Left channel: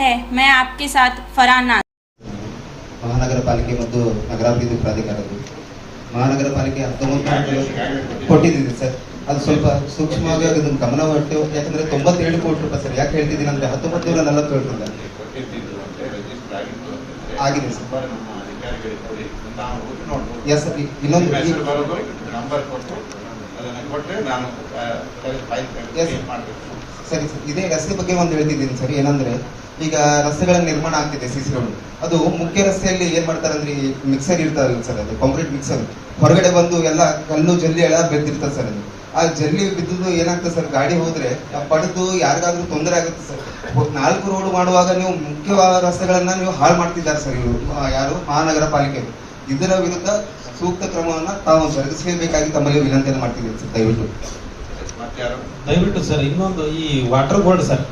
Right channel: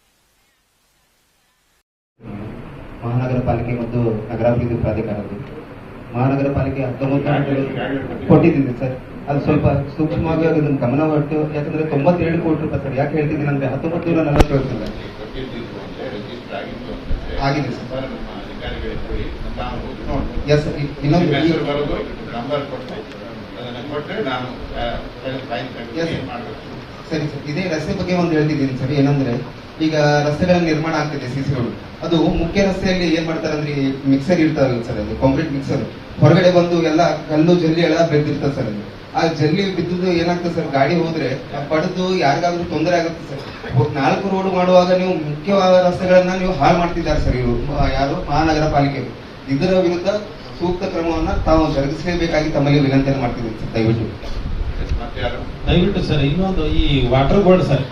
है। मैं आपके साथ फरहान नाज़। ಮಹಾನಗರ ಪಾಲಿಕೆ ಮತ್ತು ನಗರಾಭಿವೃದ್ಧಿ ಪ್ರಾಧಿಕಾರದ್ದು ಮಹಾನಗರ ಪಾಲಿಕೆ 19 ಕೊಟ್ಟಿದ್ದೀವಿ ಸರ್. ಅದು ಸ್ವಲ್ಪ ಸೂಕ್ಷ್ಮವಾಗಿ ಅದನ್ನು ಗಮನ ಕೊಟ್ಟು, ಯಾಕಂದ್ರೆ 97 ಕೋಟಿ ರೂಪಾಯಿ ಸರ್. ಯಾಕೆ ಹೇಳ್ತಿದ್ದೀನಿ ಅಂದ್ರೆ 1947 ಆಗಿದೆ ಸರ್. Yes sir. ಇನ್ನೊಂದು ಸರಿ ಸರ್, ಇದೇ ರಸ್ತೆ ಬಗ್ಗೆ ಒಂದು ಹೇಳ್ತಿದ್ದೀನಿ ಸರ್. ಏನಂದ್ರೆ ಈಗ ರಸ್ತೆಗಳ ನಿರ್ಮಾಣ ಆಗ್ತಿದೆ, ಸಿಸಿ ರೋಡ್. ಅದು ಮುಖ್ಯ ರಸ್ತೆಯಲ್ಲಿ ಏನ್ ಮಾಡ್ತಾರೆ ಅಂದ್ರೆ ಮಿಕ್ಸರ್ ಇರ್ತಾರಲ್ಲ ಸರ್, ಅದು ಕಾಂಕ್ರೀಟ್ ಮಿಕ್ಸರ್ ಹೊರಗಡೆ ಬಂದು ಎಲ್ಲ ಕಲ್ಲು ಜಲ್ಲಿ ಎಲ್ಲ ಬೆಳೆದಿರ್ತದೆ ಸರ್. ಅದು ಆ ಜಲ್ಲಿ ಬಿದ್ದು ಏನಾಗ್ತದೆ ಸರ್, ಗಾಡಿ ಹೋದ್ರೆ ಪಡೆದು ಯಾರಿಗಾದ್ರೂ ತೊಂದರೆ ಆಗುತ್ತೆ ಸರ್. 4 ರೋಡ್ ಮಾಡುವಾಗ ನೀವು ಮುಖ್ಯವಾದ ರಸ್ತೆಗಳನ್ನ ನೀವು ಹಾಳು ಮಾಡ್ತಿದ್ದಾರೆ ಸರ್ ಇವರು ಯಾರು ಮಹಾನಗರ ಪಾಲಿಕೆ. ಇದರ ವಿರುದ್ಧ ಸೂಕ್ತ ಕ್ರಮವನ್ನ ತಾವು ಜರುಗಿಸಲೇಬೇಕಾಗಿ ತಮ್ಮಲ್ಲಿ ವಿನಂತಿಯನ್ನು ಮಾಡ್ತಿದ್ದೀವಿ ಸರ್. ದಯವಿಟ್ಟು ಸರ್ ಇನ್ನೊಂದು ಈ ವಾಟರ್ ಬೋರ್ಡ್ ಸರ್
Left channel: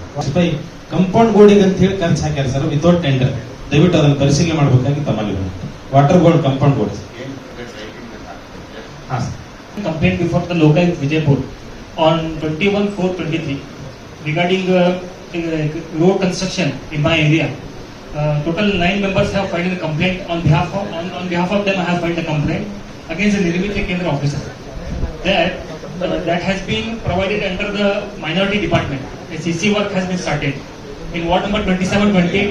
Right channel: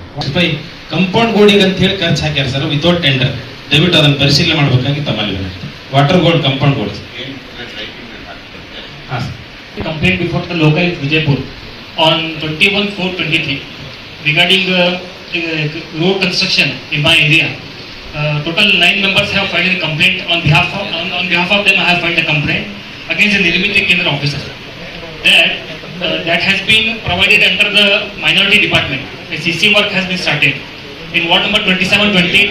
ಕಂಪೌಂಡ್ ಗೋಡಿಗೆ ಅಂತ ಹೇಳಿ ಖರ್ಚು ಹಾಕ್ಯಾರ ಸರ್ ವಿತೌಟ್ ಟೆಂಡರ್. ದಯವಿಟ್ಟು ಅದನ್ನು ಪರಿಶೀಲನೆ ಮಾಡಬೇಕಾಗಿ ತಮ್ಮಲ್ಲಿ ವಿನಂತಿ. ವಾಟರ್ ಬೋರ್ಡ್ ಕಂಪೌಂಡ್ ಗೋಡ್ complaint before the local Vijaypur on 21/4/23 regarding road construction in my area. Total 9 members have filed a complaint. On behalf of them I have filed a complaint against the Nirmiti Kendra officer that has been provided under the minority department. The CC work has been started in ward number 27-20.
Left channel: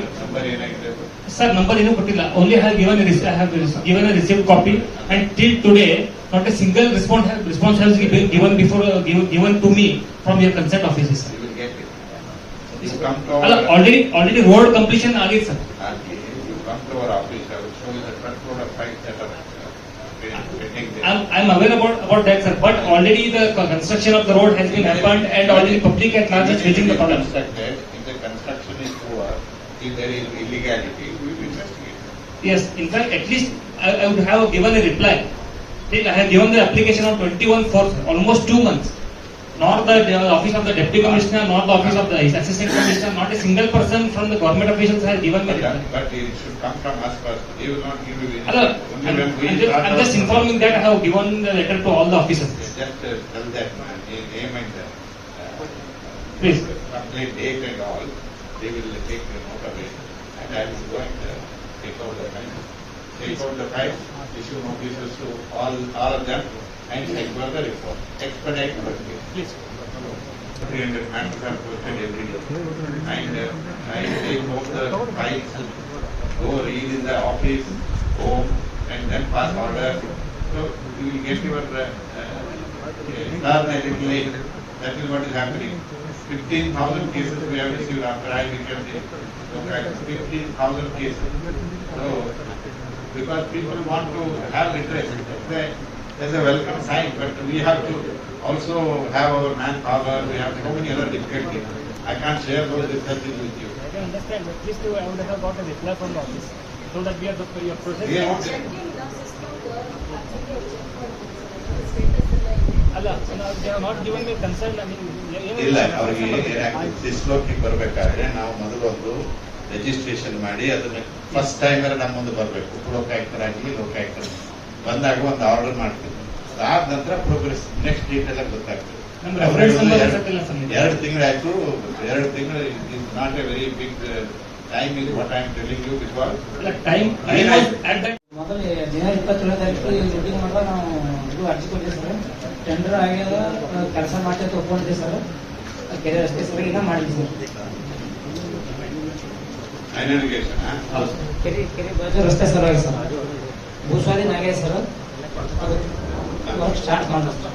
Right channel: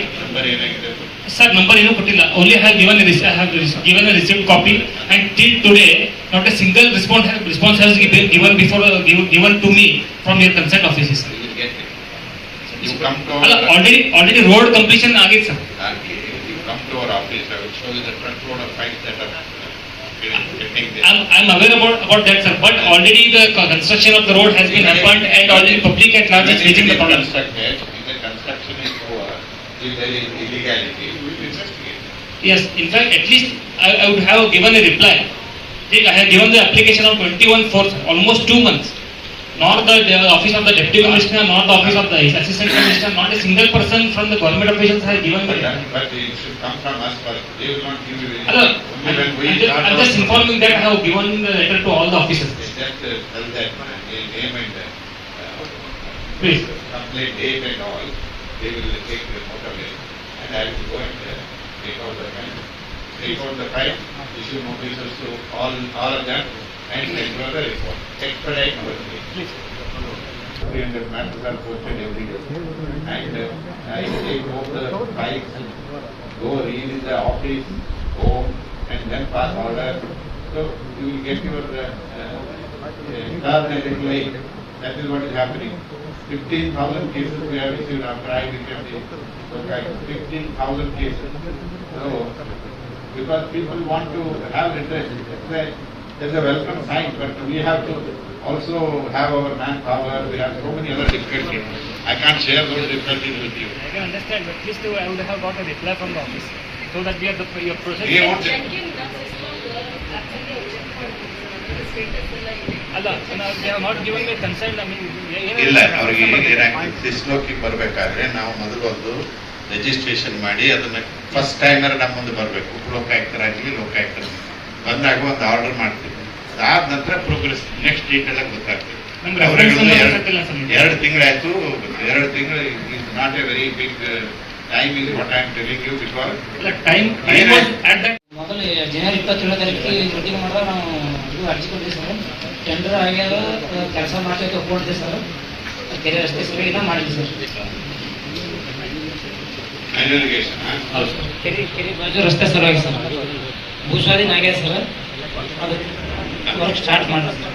Sir, number ಏನು ಕೊಟ್ಟಿಲ್ಲ. Only I have given a receipt copy, and till today not a single response has been given to me from your concerned offices. Already road completion ಆಗಿದೆ sir. You come to our office, I will show you the front load of files that are getting there. I'm aware about that sir, but already the construction of the road has been happened and already public at large is facing the problem. If the construction is poor, if there is illegality, we will investigate. Yes, in fact, at least I would have given a reply. I have given the application on 21/4, almost 2 months. Nor the office of the deputy commissioner, nor the office of the assistant commissioner, not a single person from the government officials has given me. But it should come from us first. They will not give you any. I'm just informing that I have given the letter to all the officers. Just tell that name and Please. Complete date and all. They will take the note of it, and I will go and take out the file. Take out the file, issue notices to all of them, and send further report. Expedite the case. Please. 300 matters are posted every day, and I take both the files, go read in the office, home, and then pass order. So you will get your start a little late. That is what is happening. 15,000 cases we have received after I became the 15,000 cases. So because people want to have redress, there's a welcome sign, but we have to also have our manpower. We have so many other difficulties. I can't share those difficulties with you. I can understand, but at least I would have got a reply from the office so that we have your process. ಅಲ್ಲ, they are not giving me consent. I mean, ಇಲ್ಲ, ಅವರಿಗೆ ಏನಾಗ್ತದೆ, ಸಿಸ್ಲೋಕಿ ಬರಬೇಕಾದ್ರೆ ನಾವು ಮೊದಲು ಒಂದು registration ಮಾಡಿ ಅದನ್ನ ಫಸ್ಟ್ ಟೈಮರ್ ನಮ್ಮ ಮುಂದೆ ಬರಬೇಕು. ಲೋಕಾಯುಕ್ತರಾಗಲಿ ಲೋಕಾಯುಕ್ತರು ಬಂದಾಗ ಒಂದು ಆರ್ಡರ್ ಮಾಡ್ತೀವಿ. ಅದಾದ ನಂತರ ಪ್ರೋಗ್ರೆಸ್ ನೆಕ್ಸ್ಟ್ ಡೇಟ್ ಎಲ್ಲ ಗೊತ್ತಾಗ್ತದೆ. 2 ತಿಂಗಳಾಯ್ತು. 2 ತಿಂಗಳು is not a very big time is what I am telling you because ಮೊದಲು ಜನವರಿ 27 ತಾರೀಕಿಗೆ ಮೀಟಿಂಗ್ ಮಾಡಿದಾಗ ನಾವು ಇದು ಅರ್ಜಿ ಕೊಟ್ಟಿದ್ದೆ ಸರ್. ಟೆಂಡರ್ ಆಗ್ಯಾದ, ಕೆಲಸ ಮಾಡ್ಲಿಕ್ಕೆ ಒಪ್ಕೊಂಡಿದ್ದೆ ಸರ್. ಕೆರೆ ರಸ್ತೆ ಸರ್ ಇದನ್ನ ಮಾಡಿದ್ವಿ ಸರ್. ಕೆರೆ ಬಾಜು ರಸ್ತೆ ಸರ್ ಆಗಿದೆ ಸರ್. ಭೂಸ್ವಾಧೀನ ಆಗ್ಯದ ಸರ್. ಅದು ವರ್ಕ್ ಸ್ಟಾರ್ಟ್ ಮಾಡಿದೆ ಸರ್.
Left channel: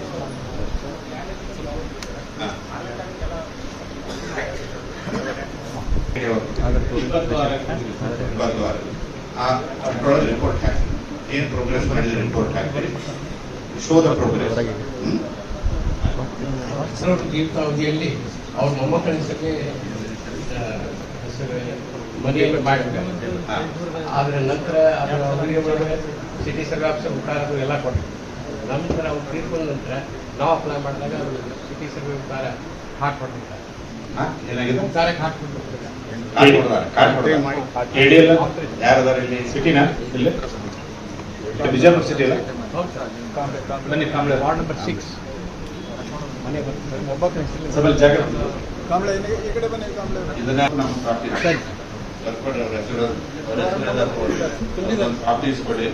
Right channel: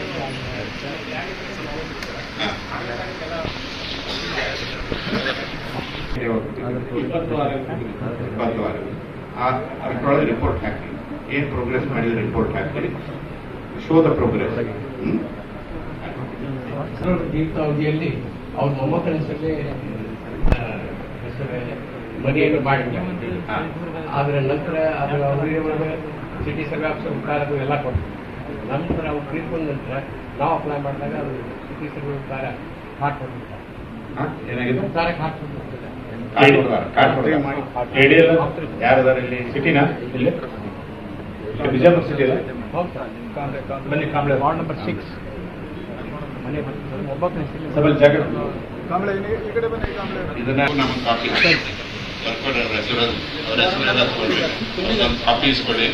ಅದ್ರೊಳಗೆ ರಿಪೋರ್ಟ್ ಹಾಕಿ ಏನ್ ಪ್ರೋಗ್ರೆಸ್ ಮಾಡಿದ್ರೆ report hockey show the progress. ಜೀವಿತಾವಧಿಯಲ್ಲಿ ಅವ್ರ ಮೊಮ್ಮಕ್ಕಳಿಗೆ ಮನೆಯನ್ನು ಮಾಡಿದ್ದಾರೆ. ಆದರೆ ನಂತರ ಅವರಿಗೆ ಸಿಟಿ ಸರ್ವೆ ಆಫೀಸರ್ ಉಪಕಾರ ಎಲ್ಲ ಕೊಟ್ಟರು. ನಂತರ ಅವ್ರು ತೀರ್ಕೊಂಡ ನಂತರ ನಾವು ಅಪ್ಲೈ ಮಾಡಿದಾಗ ಅವರು ಸಿಟಿ ಸರ್ವೆ ಉಪಕಾರ ಹಾಕ್ಕೊಟ್ಟಿರ್ತಾರೆ. ಏನಾಗಿದೆ? ಉಪಕಾರಕ್ಕೆ ಹಾಕ್ಕೊಟ್ಟು ಯಾರದಾರ ಇಲ್ಲಿ ಸಿಟಿನಾ? ಇಲ್ಲಿ ಬಿಜಾಪುರ ಸಿಟಿ ಅಲ್ಲ? ಬನ್ನಿ, ವಾರ್ಡ್ ನಂಬರ್ 6 ಮನೆ ಜಾಗ ಇದನ್ನ ನಮ್ಮ ಕಾಪಿ ಬರ್ಕೊಡಿ, ಅವ್ರ ಹೆಸರೆಲ್ಲ ತಗೊಳ್ಬೇಕು, ಅವ್ರದ್ದೊಂದು ಕಾಪಿ ಇಸ್ಕೊಡಿ.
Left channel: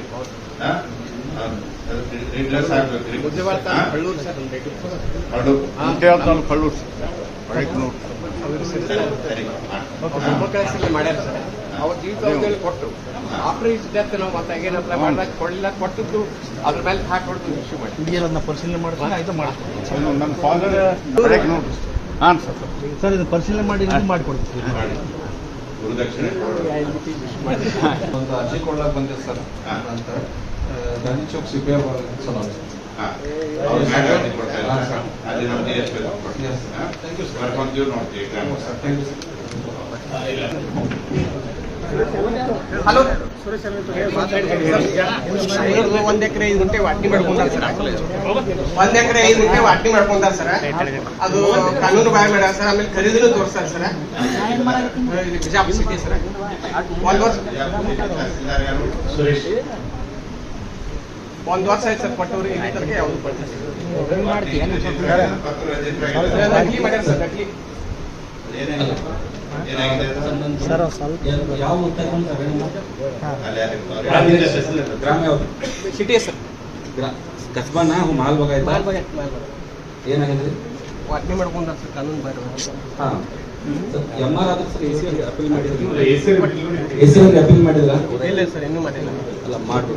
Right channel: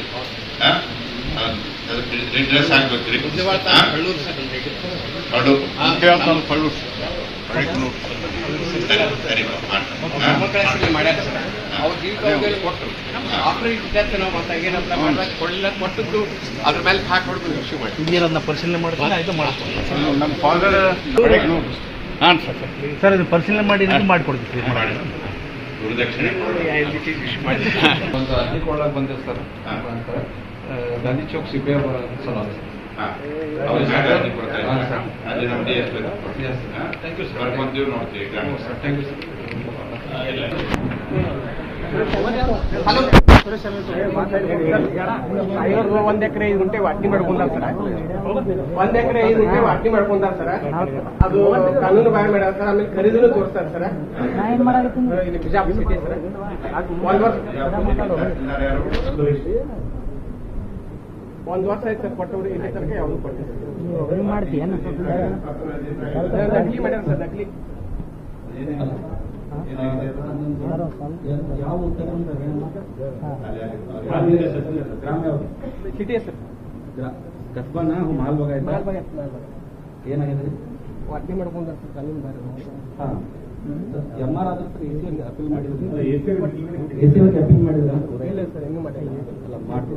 ರಿಡ್ರೆಸ್ ಆಗ್ಬೇಕು ರೀ. ಕೊಟ್ಟದ್ದು ಅದ್ರ ಮೇಲೆ ಹಾಕೊಡ್ದು ಇಶ್ಯೂ ಮಾಡಿ ಪರಿಶೀಲನೆ ಮಾಡ್ತೀನಿ ಆಯ್ತು ಮಾಡ್ತೀನಿ ನಮ್ಮ ಫಾದರ್ ಹಾಂ ಸರ್ ಇದು ಪರಿಶೀಲನೆ ಮಾಡಿ ಮಾಡಿಕೊಡ್ತೀವಿ ಗುರುದಕ್ಷಿಣೆ ಇಶ್ಯೂ ಮಾಡಿ ಒಂದು ಅರ್ಜಿ ಕೊಡಕ್ಕೆ ಬಂದಿದೆ ಸರ್ ಅಂತ ಗಾಂಧಿ ಚೌಕ್ ಸಿಪಿಐ ಸಲ ಅದು ನಮ್ದು ಬರ್ಕೊಂತೀವಿ, ನೋಡ್ತೀವಿ. Thank you sir. ಹಲೋ 1 ಎಕರೆ 5 ಗುಂಟೆ ವಾಟ್ನಿ ಮಾಡ್ಕೊಂಡಾರ ಸರ್. 1 ಎಕರೆ 5 ಗುಂಟೆ ವಾಟ್ನಿ ಮಾಡ್ಕೊಂಡಾರ ಸರ್. ಅದು ಕಾನೂನು ಬಾಯ್ ಮಾಡ್ಯಾರ ಸರ್. ಆಮೇಲೆ ಖರೀದಿನೂ ತೋರಿಸ್ತಾರ ಸರ್. ಇದು ಬಿಜಾಪುರ ಸಿಟಿ ಸರ್. 1 ವರ್ಷ ಆಯ್ತು ಸರ್ ಕೊಟ್ಟವ್ರು. ಇಲ್ಲಿ ತನಕ ಯಾವುದು ನಕಲಿ ಮಾಡ್ಯಾರ ಸರ್. ನಕಲಿ ಸರ್ ಯಾವ ಸಿಟಿ ಸರ್. ಕಸ್ಬಾನ ಮಾಲ್ ಬಗಾಯ್ತು ಏನಾಗಿದೆ ವಾಟ್ನಿ ಮಾಡ್ಕೊಂಡಾರ ಸರ್. ಕಾನೂನು ಬಾಯ್ ಹಾಂ MR ಆದ್ರೆ ಸರ್ AC ಅವ್ರಿಗೆ ಅಪೀಲ್ ಮಾಡಿದ್ರು. AC ಅವ್ರಿಗೆ ಅಪೀಲ್ ಮಾಡಿಲ್ಲ ಇಲ್ಲ ಸರ್, ಇನ್ನೂ ಮಾಡಿಲ್ಲ. ಅಲ್ಲ ಮಾಡಿ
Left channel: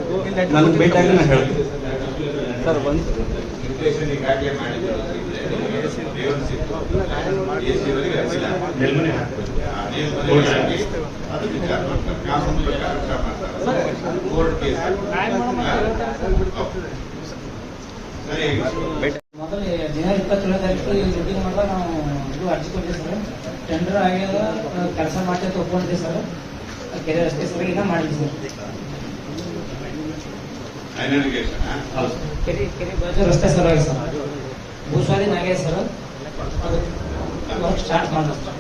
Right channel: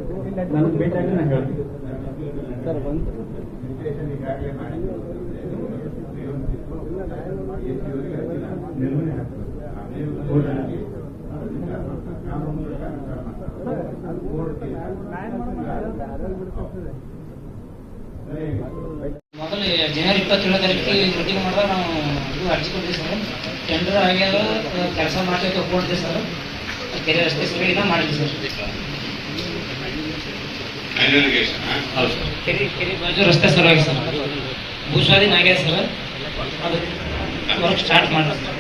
ನನಗೆ ಬೇಕಾಗಿ ನಾನು ಹೇಳ್ತೀನಿ ಸರ್. ಒಂದು ಮೊದಲು ಜನವರಿ 27ನೇ ತಾರೀಕಿಗೆ ಮೀಟಿಂಗ್ ಮಾಡಿದಾಗ ನಾವು ಇದು ಅರ್ಜಿ ಕೊಟ್ಟಿದ್ದೀವಿ ಸರ್. ಟೆಂಡರ್ ಆಗ್ಯಾದ, ಕೆಲಸ ಮಾಡ್ತೀವಿ ಒಪ್ಕೊಂಡಿದ್ದೀವಿ ಸರ್. ಕೆರೆ ರಸ್ತೆ ಸರ್ ಇನ್ನೂ ಮಾಡಿದ್ವಿ ಸರ್. ಕೆರೆ ಬಾಜು ರಸ್ತೆ ಸಲುವಾಗಿ ಸರ್ ಭೂಸ್ವಾಧೀನ ಆಗ್ಯದ ಸರ್. ಅದು ವರ್ಕ್ ಸ್ಟಾರ್ಟ್ ಮಾಡಿದ್ವಿ ಸರ್.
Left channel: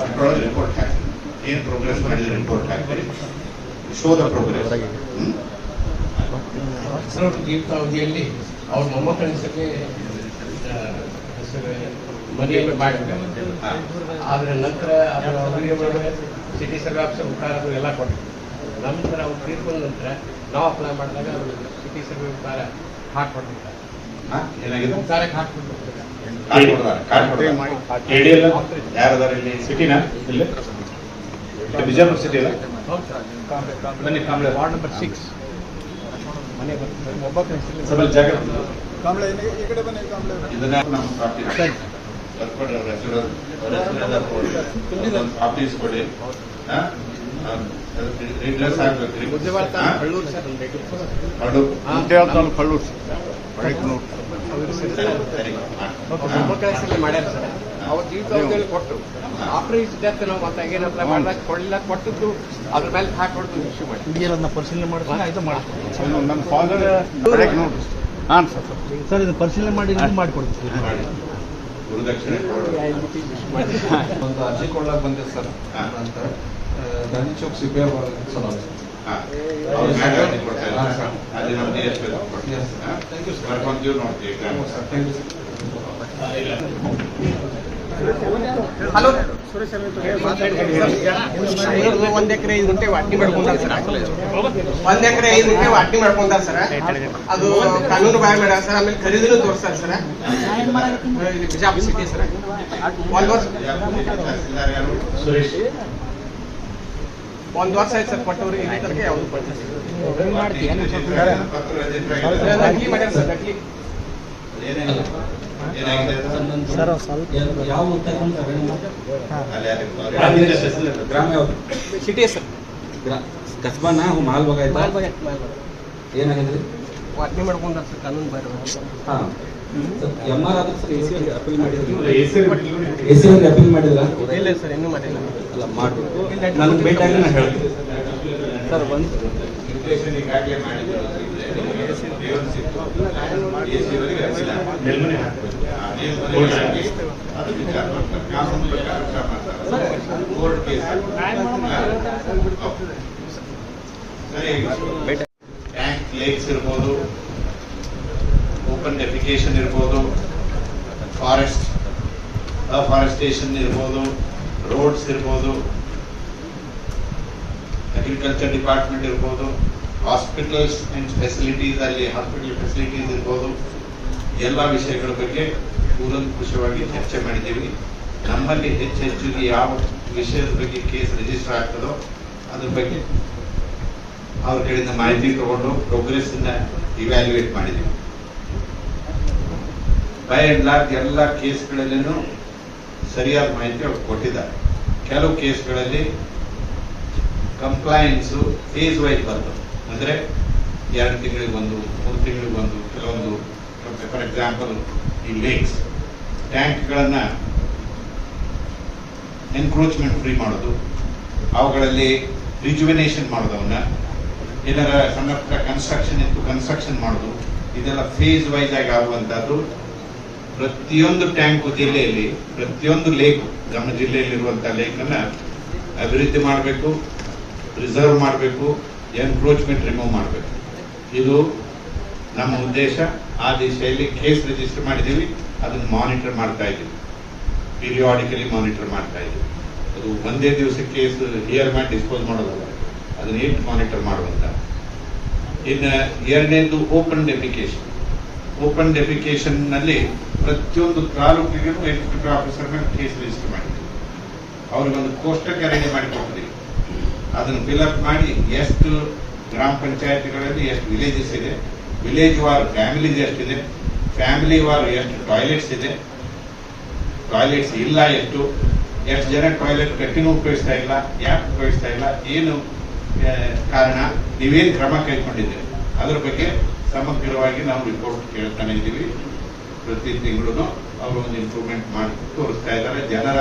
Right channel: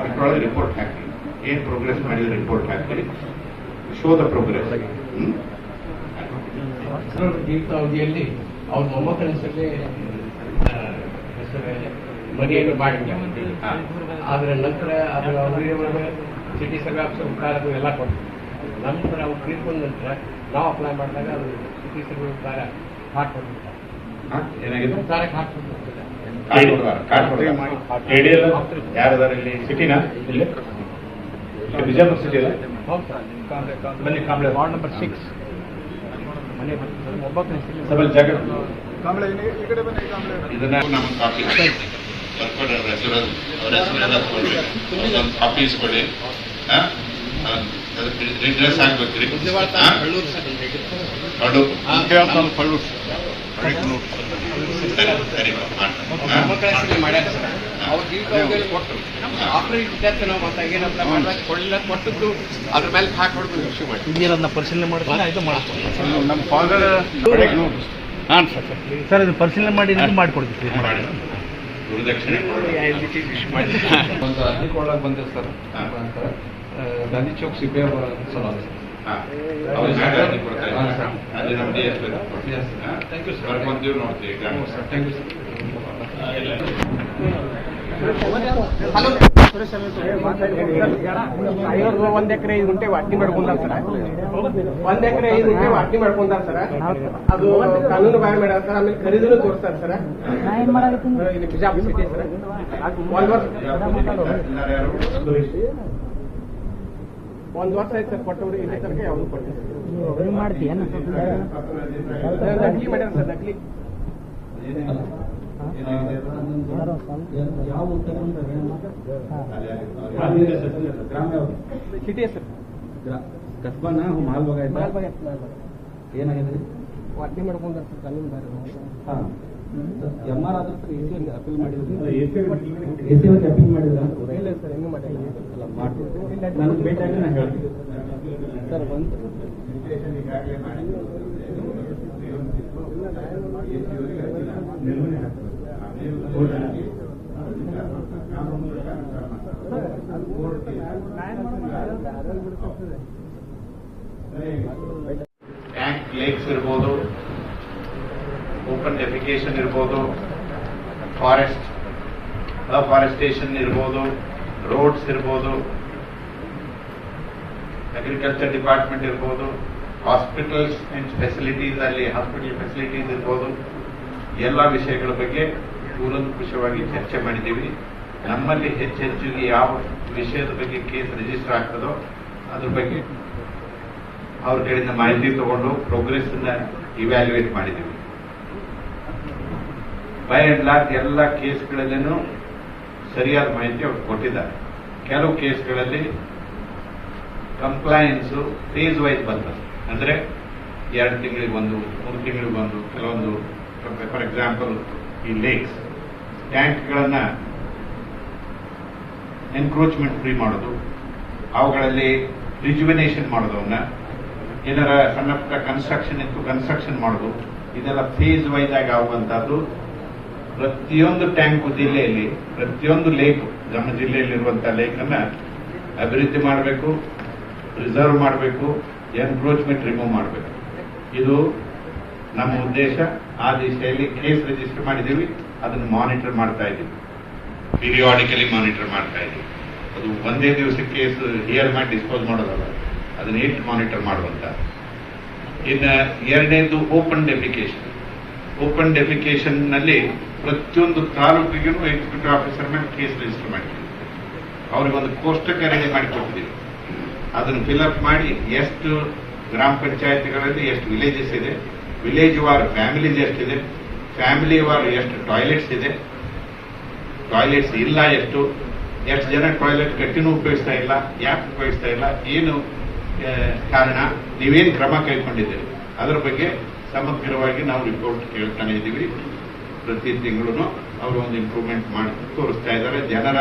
ಅದ್ರೊಳಗೆ ರಿಪೋರ್ಟ್ ಹಾಕಿ, ಏನ್ ಪ್ರೋಗ್ರೆಸ್ ಮಾಡಿದ್ರೆ report hockey, show the progress. ಜೀವಿತಾವಧಿಯಲ್ಲಿ ಅವ್ರ ಮೊಮ್ಮಕ್ಕಳ ಹೆಸರಿಗೆ ಮನೆಯನ್ನು ಮಾಡಿದ್ದಾರೆ. ಆದ್ರೆ ನಂತರ ಅದರ ಅವರಿಗೆ ಸಿಟಿ ಸರ್ವೆ ಆಫೀಸರ್ ಉಪಕಾರಗಳು ಎಲ್ಲ ಕೊಟ್ಟರು. ನಂತರ ಅವ್ರು ತೀರ್ಕೊಂಡ ನಂತರ ನಾವು ಅಪ್ಲೈ ಮಾಡಿದಾಗ ಅವರು ಸಿಟಿ ಸರ್ವೆ ಉಪಕಾರ ಹಾಕ್ಕೊಟ್ಟಿರ್ತಾರೆ. ಏನಾಗಿದೆ? ಉಪಕಾರಕ್ಕೆ ಹಾಕ್ಕೊಟ್ಟು ಯಾರದಾರ ಇಲ್ಲಿ ಸಿಟಿನ ಇಲ್ಲಿ ಬಿಜಾಪುರ ಸಿಟಿ ಅಲ್ಲ ಬನ್ನಿ ಕಾಂಬ್ಳೆ ವಾರ್ಡ್ ನಂಬರ್ 6 ಮನೆ ಸಬಲ್ ಜಾಗ್ರತೆ ಇದನ್ನ ನಮ್ಮ ಕಾಪಿ ಬರ್ಕೊಡಿ, ಅವ್ರ ಹೆಸರೆಲ್ಲ ತಗೊಳ್ಬೇಕು, ಅವ್ರದ್ದೊಂದು ಕಾಪಿ ಇಸ್ಕೊಡಿ. ರಿಡ್ರೆಸ್ ಆಗ್ಬೇಕು ರೀ. ಮಾಡ್ಯಾರ ಸರ್. ಅವ್ರ ಜೀವಿತಾವಧಿಯಲ್ಲಿ ಕೊಟ್ಟರು. ಆಫ್ಟರ್ ಇಟ್ ಡೆತ್ ನಾವು ಕೊಟ್ಟದ್ದು ಅದ್ರ ಮೇಲೆ ಹಾಕೊಡ್ದು ಇಶ್ಯೂ ಮಾಡಿ ಪರಿಶೀಲನೆ ಮಾಡ್ತೀನಿ ಆಯ್ತು ಮಾಡ್ತೀನಿ ನಮ್ಮ ಫಾದರ್ ಹಾಂ ಸರ್ ಇದು ಪರಿಶೀಲನೆ ಮಾಡಿ ಮಾಡಿಕೊಡ್ತೀವಿ ಗುರುದಕ್ಷಿಣೆ ಇಶ್ಯೂ ಮಾಡಿ ಒಂದು ಅರ್ಜಿ ಕೊಡಕ್ಕೆ ಬಂದಿದೆ ಸರ್ ಅಂತ ಗಾಂಧಿ ಚೌಕ್ ಸಿಪಿಐ ಸಲ ಅದು ನಮ್ದು ಬರ್ಕೊಂತೀವಿ, ನೋಡ್ತೀವಿ. Thank you sir. ಹಲೋ 1 ಎಕರೆ 5 ಗುಂಟೆ ವಾಟ್ನಿ ಮಾಡ್ಕೊಂಡಾರ ಸರ್. 1 ಎಕರೆ 5 ಗುಂಟೆ ವಾಟ್ನಿ ಮಾಡ್ಕೊಂಡಾರ ಸರ್. ಅದು ಕಾನೂನು ಬಾಯ್ ಮಾಡ್ಯಾರ ಸರ್. ಆಮೇಲೆ ಖರೀದಿನೂ ತೋರಿಸ್ತಾರ ಸರ್. ಇದು ಬಿಜಾಪುರ ಸಿಟಿ ಸರ್. 1 ವರ್ಷ 1 ವರ್ಷ ಆಯ್ತು ಸರ್ ಕೊಟ್ಟವ್ರು. ಇಲ್ಲಿ ತನಕ ಯಾವುದು ನಕಲಿ ಮಾಡ್ಯಾರ ಸರ್. ನಕಲಿ ಸರ್ ಯಾವ ಗ್ರಾಮ ಸಿಟಿ ಸರ್. ಕಸ್ಬಾನ ಮಾಲ್ ಬಗಾಯ್ತು ಏನಾಗಿದೆ ವಾಟ್ನಿ ಮಾಡ್ಕೊಂಡಾರ ಸರ್. ಕಾನೂನು ಬಾಯ್ ಹಾಂ MR ಆದ್ರೆ ಸರ್ AC ಅವ್ರಿಗೆ ಅಪೀಲ್ ಮಾಡಿದ್ರು. AC ಅವ್ರಿಗೆ ಅಪೀಲ್ ಮಾಡಿಲ್ಲ ಇಲ್ಲ ಸರ್, ಇನ್ನೂ ಮಾಡಿಲ್ಲ. ಅಲ್ಲ ಮಾಡಿ ನನಗೆ ಬೇಕಾಗಿ ನಾನು ಹೇಳ್ತೀನಿ ಸರ್. ಒಂದು ಟ್ಯಾಂಕ್ ಲೇಕ್ಸ್ ಇರ್ಬೋದು, ಓಪನ್ ಡೆಫಿಕೇಶನ್ ಇರ್ಬೋದು, ಅಫಾರೆಸ್ಟೇಷನ್ ಇರ್ಬೋದು, ರೋಡ್ಸ್ ಇರ್ಬೋದು, ಅಗ್ರಿಕಲ್ಚರ್ ಡಿಪಾರ್ಟ್ಮೆಂಟ್ ಇರ್ಬೋದು, ಹಾಸ್ಪಿಟಲ್ಸ್ ಅಂಡ್ ಫೆಸಿಲಿಟೀಸ್, ಅಲ್ಲಿ ಹಾಸ್ಪಿಟಲ್ ಫೆಸಿಲಿಟೀಸ್ ಇರ್ಬೋದು, ಎಲ್ಲ ವಿಷಯಗಳ ಬಗ್ಗೆ ಕೂಲಂಕುಷವಾಗಿ ಚರ್ಚೆ ಮಾಡಿದ್ದೀವಿ. ನಮ್ಮಲ್ಲಿ ಹೆಚ್ಚೆಚ್ಚಿಗೆ ಯಾವ ವಿಷಯದ ಬಗ್ಗೆ ಕೇಸ್ ರಿಜಿಸ್ಟರ್ ಆಗ್ತದೋ ಅದ್ರ ಬಗ್ಗೆ ಅವ್ರ ಕಡೆಯಿಂದ ಮಾಹಿತಿ ತಗೊಂಡು ಪ್ರೋಗ್ರೆಸ್ ಇವ್ಯಾಲ್ಯೂಯೇಟ್ ಮಾಡಿದ್ದೀವಿ. ಬೈ ಅಂಡ್ ಲಾರ್ಜ್ ಎಲ್ಲ ಕೇಸ್ಗಳಲ್ಲೂ ಸರಿಯಾದ ಮಾಹಿತಿ ಅವ್ರು ಕೊಟ್ಟಿದ್ದಾರೆ. ಕೆಲವು ಕೇಸ್ಗಳಲ್ಲಿ ಕಂಪ್ಲೈನ್ಸ್ ಫೇಸ್ ವೈಸ್ ಬರ್ತದೆ, ಅಂದ್ರೆ 2 ತಿಂಗಳಿಗೊಂದು, 1 ತಿಂಗಳಿಗೊಂದು. ಕೆಲವೊಂದು ಫಾರ್ ಎಕ್ಸಾಂಪಲ್ ಈ ಲೇಕ್ಸ್ ಟ್ಯಾಂಕ್ಗಳನ್ನ ಎನ್ಕ್ರೋಚ್ಮೆಂಟ್ ಫ್ರೀ ಮಾಡೋದು, ಅವುಗಳಲ್ಲಿ ರಿಜುವಿನೇಷನ್ ಮಾಡೋದವನ್ನ, ಏನಾರ ಸಣ್ಣ ಪುಟ್ಟ ಕನ್ಸ್ಟ್ರಕ್ಷನ್ ಇತ್ತು ಕನ್ಸ್ಟ್ರಕ್ಷನ್ ಮಾಡೋದು, ಇದೆಲ್ಲ ಫೇಸ್ ವೈಸ್ ಆಗಿ ಆಗುವಂತಹದ್ದು. ಪ್ರತಿಯೊಂದು ಟ್ಯಾಂಕ್ ಜಿಲ್ಲೆಯಲ್ಲಿ, ಪ್ರತಿಯೊಂದು ಲೇಕ್, ನಮ್ಮ ಜಿಲ್ಲೆಯಲ್ಲಿರುವಂತಹ ಲೇಕ್ ಅನ್ನ ಅಭಿವೃದ್ಧಿ ಮಾಡಬೇಕು, ರಿಸರ್ವ್ ಮಾಡಬೇಕು, ಎನ್ಕ್ರೋಚ್ಮೆಂಟ್ ರಿಮೂವ್ ಮಾಡಬೇಕು. ಇದು ನಮ್ಮ ಉದ್ದೇಶ. ಆ ದಿಶೆಯಲ್ಲಿ ಕೇಸ್ ರಿಜಿಸ್ಟರ್ ಮಾಡಿದ್ದೀವಿ, ಅದನ್ನು ಮಾನಿಟರ್ ಮಾಡ್ತಾ ಇದ್ದೀವಿ, ಪೀರಿಯಾಡಿಕಲಿ ಮಾನಿಟರ್ ಮಾಡ್ತಾ ಇದ್ದೀವಿ. ಅದು ಒಂದೇ ದಿವಸ ಕೇಸ್ ಹಿಯರ್ ಮಾಡಿ ಡಿಸ್ಪೋಸ್ ಮಾಡೋದಲ್ಲ, ಅದನ್ನ ಇಟ್ಟು ಮಾನಿಟರ್ ಮಾಡುವಂತ. ಇನ್ನು ಎರಡನೇದು ಓಪನ್ ಡೆಫಿಕೇಶನ್. ಓಪನ್ ಡೆಫಿಕೇಶನ್ ನಲ್ಲಿ ಪ್ರತಿಯೊಂದು ತಾಲೂಕಿಗೂ ಎಕ್ಸಿಕ್ಯೂಟಿವ್ ಆಫೀಸರ್ ಮೇಲೆ ಕೇಸ್ ರಿಜಿಸ್ಟರ್ ಮಾಡಿದ್ದೀವಿ. ಅವ್ರಿಗೊಂದು ಕೋಷ್ಟಕ ರೆಡಿ ಮಾಡಿಕೊಟ್ಟಿದ್ದೀವಿ. ಅದನ್ನು ಫಿಲ್ಅಪ್ ಮಾಡಿ ಎಷ್ಟು ಗ್ರಾಮ ಪಂಚಾಯತ್ಗಳಲ್ಲಿ ಎಷ್ಟು ವಿಲೇಜಸ್ ಇದೆ, ವಿಲೇಜ್ ವಾರ್ ಫ್ಯಾಮಿಲೀಸ್ ಎಷ್ಟಿದೆ, ಫ್ಯಾಮಿಲಿ ವಾರ್ ಎಷ್ಟು ಟಾಯ್ಲೆಟ್ಸ್ ಇದೆ, ಟಾಯ್ಲೆಟ್ಸ್ ಇಲ್ಲ ಎಷ್ಟು ಜನ ಟಾಯ್ಲೆಟ್ ಕಟ್ಟಿನೂ ಉಪಯೋಗಿಸ್ತಾ ಇಲ್ಲ, ಯಾಕೆ ಉಪಯೋಗಿಸ್ತಾ ಇಲ್ಲ, ಏನು ಕಾರಣ, ನೀವೇನು ಕ್ರಮ ಕೈಗೊಂಡಿದ್ದೀರಿ, ಅದ್ರ ಬಗ್ಗೆ ಸಮಗ್ರವಾಗಿ ನಾವು ರಿಪೋರ್ಟ್ ಕೇಳ್ತಾನೆ ಇದ್ದೀವಿ. ಪ್ರತಿ ತಿಂಗಳು ಅವರು ಒಂದು ಇಂಪ್ರೂವ್ಮೆಂಟ್ ಮಾಡಿ ತೋರಿಸ್ತಾ ಇದ್ದಾರೆ. ಜನರ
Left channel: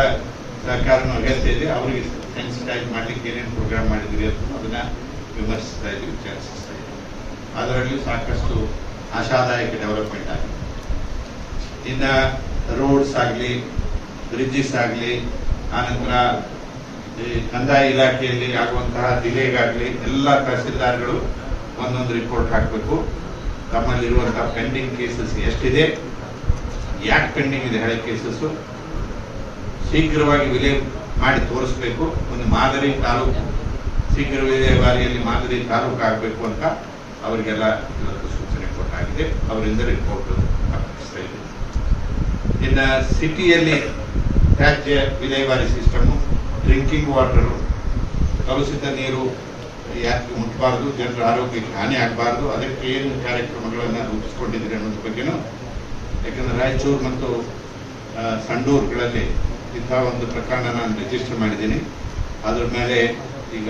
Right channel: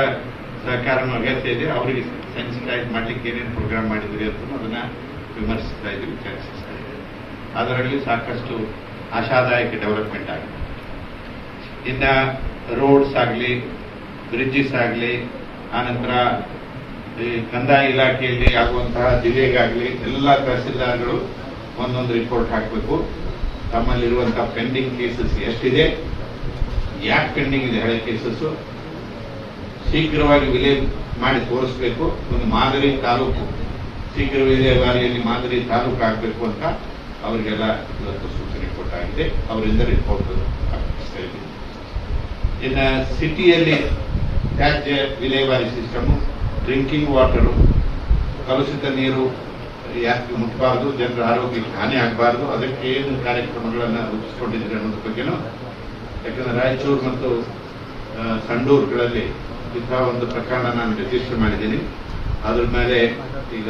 ಸಹಕಾರನ ಅಗತ್ಯ ಇದೆ, ಅವರಿಗೆ ಸೆನ್ಸಿಟೈಸ್ ಮಾಡ್ಲಿಕ್ಕೆ ಏನೇನು ಪ್ರೋಗ್ರಾಮ್ ಮಾಡಿದ್ವಿ ಅಂತ ಅದನ್ನ ವಿಮರ್ಶಿಸ್ತಾ ಇದ್ದೀವಿ, ಚರ್ಚಿಸ್ತಾ ಇದ್ದೀವಿ. ಅದರಲ್ಲಿ ಸಾಕಷ್ಟು ಆಶಾದಾಯಕ ಡೆವಲಪ್ಮೆಂಟ್ ಆಗಿದೆ. ಇನ್ನ ರೋಡ್ಸ್ ಆಗಲಿ, ಬ್ರಿಡ್ಜಸ್ ಆಗಲಿ, ಆನಂತರ ಕಂದಾಯ ಇಲಾಖೆಯಲ್ಲಿ ಆಗುವಂತಹ ಡಿಲೇಗಾಗಲಿ ಎಲ್ಲ ತಹಸೀಲ್ದಾರ್ಗಳು ಒಂದೊಂದು ರಿಪೋರ್ಟ್ ಹಾಕಬೇಕು. ತಮ್ಮಲ್ಲಿರುವಂತಹ ಪೆಂಡಿಂಗ್ ಕೇಸಸ್ ಎಷ್ಟಿದೆ, ಯಾಕೆ ಪೆಂಡಿಂಗ್ ಇದೆ, ಹಳೆ ಕೇಸಸ್ ಶೀಘ್ರವಾಗಿ ವಿಲೇ ಮಾಡಿ ತೋರಿಸಬೇಕು. ಒಂದು ಮಾದರಿ ತಾಲೂಕು, ಶೀಘ್ರ ವಿಲೇವಾರಿಯಲ್ಲಿ ಮಾದರಿ ತಾಲೂಕು ಆಗಬೇಕು ಅಂತ ಅವರಿಗೆಲ್ಲ ಇವತ್ತು ಸೂಚನೆ ಕೊಟ್ಟಾಗಿದೆ. ಅವರಿಂದ ರಿಪೋರ್ಟ್ ಹಾಕಿಸ್ತಾ ಇದ್ದೀವಿ. ಇನ್ನು ಸಿಟಿಯಲ್ಲಿ ತ್ಯಾಜ್ಯ ವಿಲೇವಾರಿ ಸಿಸ್ಟಮ್, ಡ್ರಿಂಕಿಂಗ್ ವಾಟರು, ಕಲುಷಿತ ನೀರು ಯಾಕೆ ಮುಟ್ಟಬಾರದು, ಜನರ ಆರೋಗ್ಯಕ್ಕೆ ಹಾನಿ ಆಗಬಾರದು, ಅದಕ್ಕೆ ಏನು ಕಾರ್ಯಕ್ರಮಗಳನ್ನು ರೂಪಿಸಿಕೊಂಡಿದ್ರೆ ಅನ್ನೋದ್ರ ಬಗ್ಗೆನೂ. ಯಾಕಂದ್ರೆ ರಾಯಚೂರು ಮತ್ತು ಸಂಡೂರುಗಳಲ್ಲಿ ಇಂತಹ ಒಂದು ಪ್ರಕರಣ ನಾನು ರಿಜಿಸ್ಟರ್ ಮಾಡಿದ್ದೀನಿ. ಅದ್ರ ಮೇಲೆ ಈಗ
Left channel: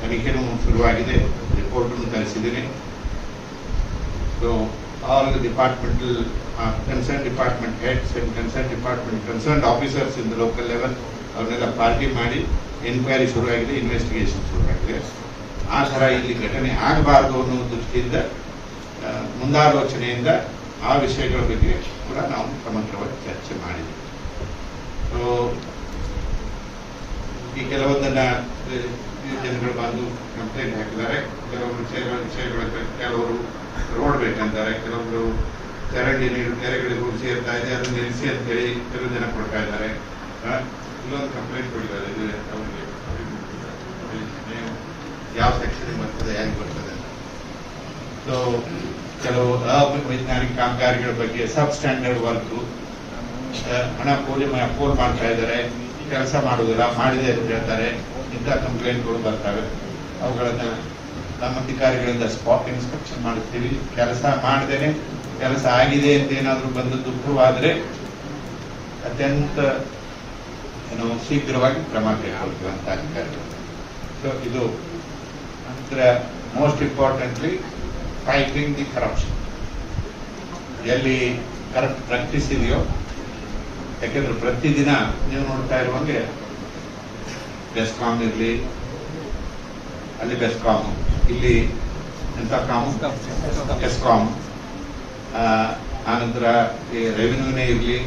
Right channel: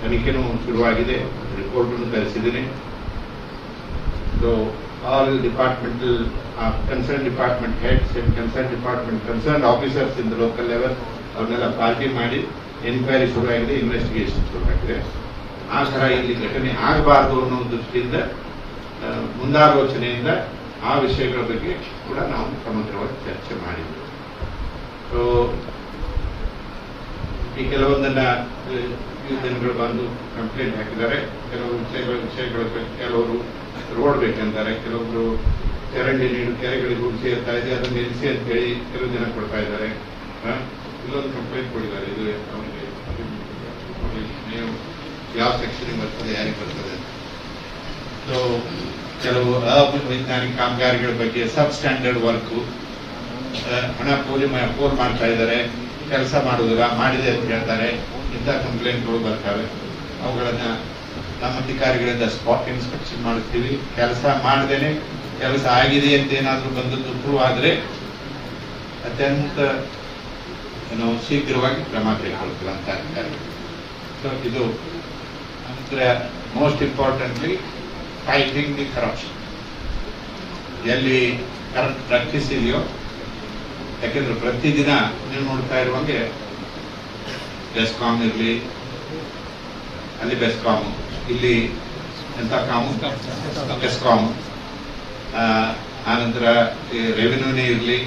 ತನಿಖೆನೂ ಶುರುವಾಗಿದೆ, ರಿಪೋರ್ಟನ್ನು ತರಿಸಿದ್ದೀನಿ. So all departmental concern department heads and concern officers in the local level ಅವ್ರನ್ನೆಲ್ಲ ಪಾರ್ಟಿ ಮಾಡಿ ಎನ್ಕ್ವೈರಿ ಶುರುವಾಗಿದೆ, ಇನ್ವೆಸ್ಟಿಗೇಷನ್ ಶುರುವಾಗಿದೆ. ಆ ಥರ ಇಲ್ಲಿ ಘಟನೆ ಆಗಬಾರ್ದು ಅನ್ನೋ ದೃಷ್ಟಿಯಿಂದ ಮುಂದಾಲೋಚನೆಯಿಂದ ಆ ವಿಷಯಗಳ ಬಗ್ಗೆ ಕೂಡ ನಾವು ಸಮಗ್ರವಾಗಿ ಚರ್ಚೆ ಮಾಡಿದ್ವಿ. ಸೊ ಈ ಕೆಲವೊಂದನ್ನ ಜನಗಳು ಬಂದು ಕಂಪ್ಲೇಂಟ್ ಹಾಕಿದ್ದಾರೆ. ಕೆಲವು ವಿಷಯಗಳಿಗೆ ಕೆಲವರು ರೋಡ್ ಬೇಕಂತಾರೆ, ಕೆಲವರು ಚರಂಡಿ ನೀರು ಕೆರೆಗಳಿಗೆ ಉಳಿಸಿ ಇರ್ತಾ ಇದೆ, ಅದನ್ನು ನಿಲ್ಲಿಸಿ ಅಂತ ಹೇಳಿ ಕೆಲವು ಜನ ಕೊಡ್ತಾ ಇದ್ದಾರೆ. ಇಲ್ಲೊಂದು ಕಂಪ್ಲೇಂಟ್ ಕೊಟ್ಟಿದ್ದಾರೆ, ಇದು ಅವರಿಗೆ ನೀವು ಯಾವ ಸೆಕ್ಷನ್ ಬರ್ತದೆ, ಯಾರಿಗೆ ಬರ್ತದೆ. ಸೊ ಕೆಲವು ಅವೈಜ್ಞಾನಿಕ ಕಾಮಗಾರಿಗಳ ಬಗ್ಗೆ ಸಬ್ ಸ್ಟ್ಯಾಂಡರ್ಡ್ ವರ್ಕ್, ಹಣ ಪೋಲ್ ಮಾಡ್ತಾ ಇದ್ದಾರೆ, ಕೆಲಸ ಮಾಡುವುದಿಲ್ಲ, ಮಾಡಿದೆ ಅಂತ ಹೇಳ್ತಾರೆ. ಇಂಥ ಕಂಪ್ಲೇಂಟ್ಗಳು ಬರ್ತವೆ. ಅವುಗಳನ್ನ ನಮ್ಮ ಅಧಿಕಾರಿಗಳಿಂದ ಸ್ಪಾಟ್ ಇನ್ಸ್ಪೆಕ್ಷನ್ ಮಾಡುತ್ತೀವಿ. ಕೆಲಸ ಮಾಡದೇನೆ ಕೆಲಸ ಆಗಿದೆ ಅಂತ ಏನಾದರೂ ಬಂದದ್ದು ಪ್ರೂವ್ ಆದರೆ ಅತ್ಯಂತ ಶೀಘ್ರವಾಗಿ ಕ್ರಮ ಕೈಗೊಳ್ಳುವಂತ ಅಧಿಕಾರಿಗಳು. ಸೊ ಇದು ನಂತರ most importantly fighting the corruption. ಎಲ್ಲಿ ಕರಪ್ಟ್ ಪ್ರಾಕ್ಟೀಸ್ ಇದೆಯೋ, ಯಾಕೆಂದ್ರೆ ಪ್ರತಿದಿನ ನೀವು ನೋಡ್ತಾ ಇರುವಂಗೆ ಬೆಸ್ಕಾಮ್ ಇರಲಿ, ಅಲ್ಲಿ ಬೆಸ್ಕಾಮ್, ಇಲ್ಲಿ ಎಂತ ಕಾಮು ಬೆಸ್ಕಾಮ್, ಆನಂತರ ರೆವಿನ್ಯೂನೇ ಇರಲಿ,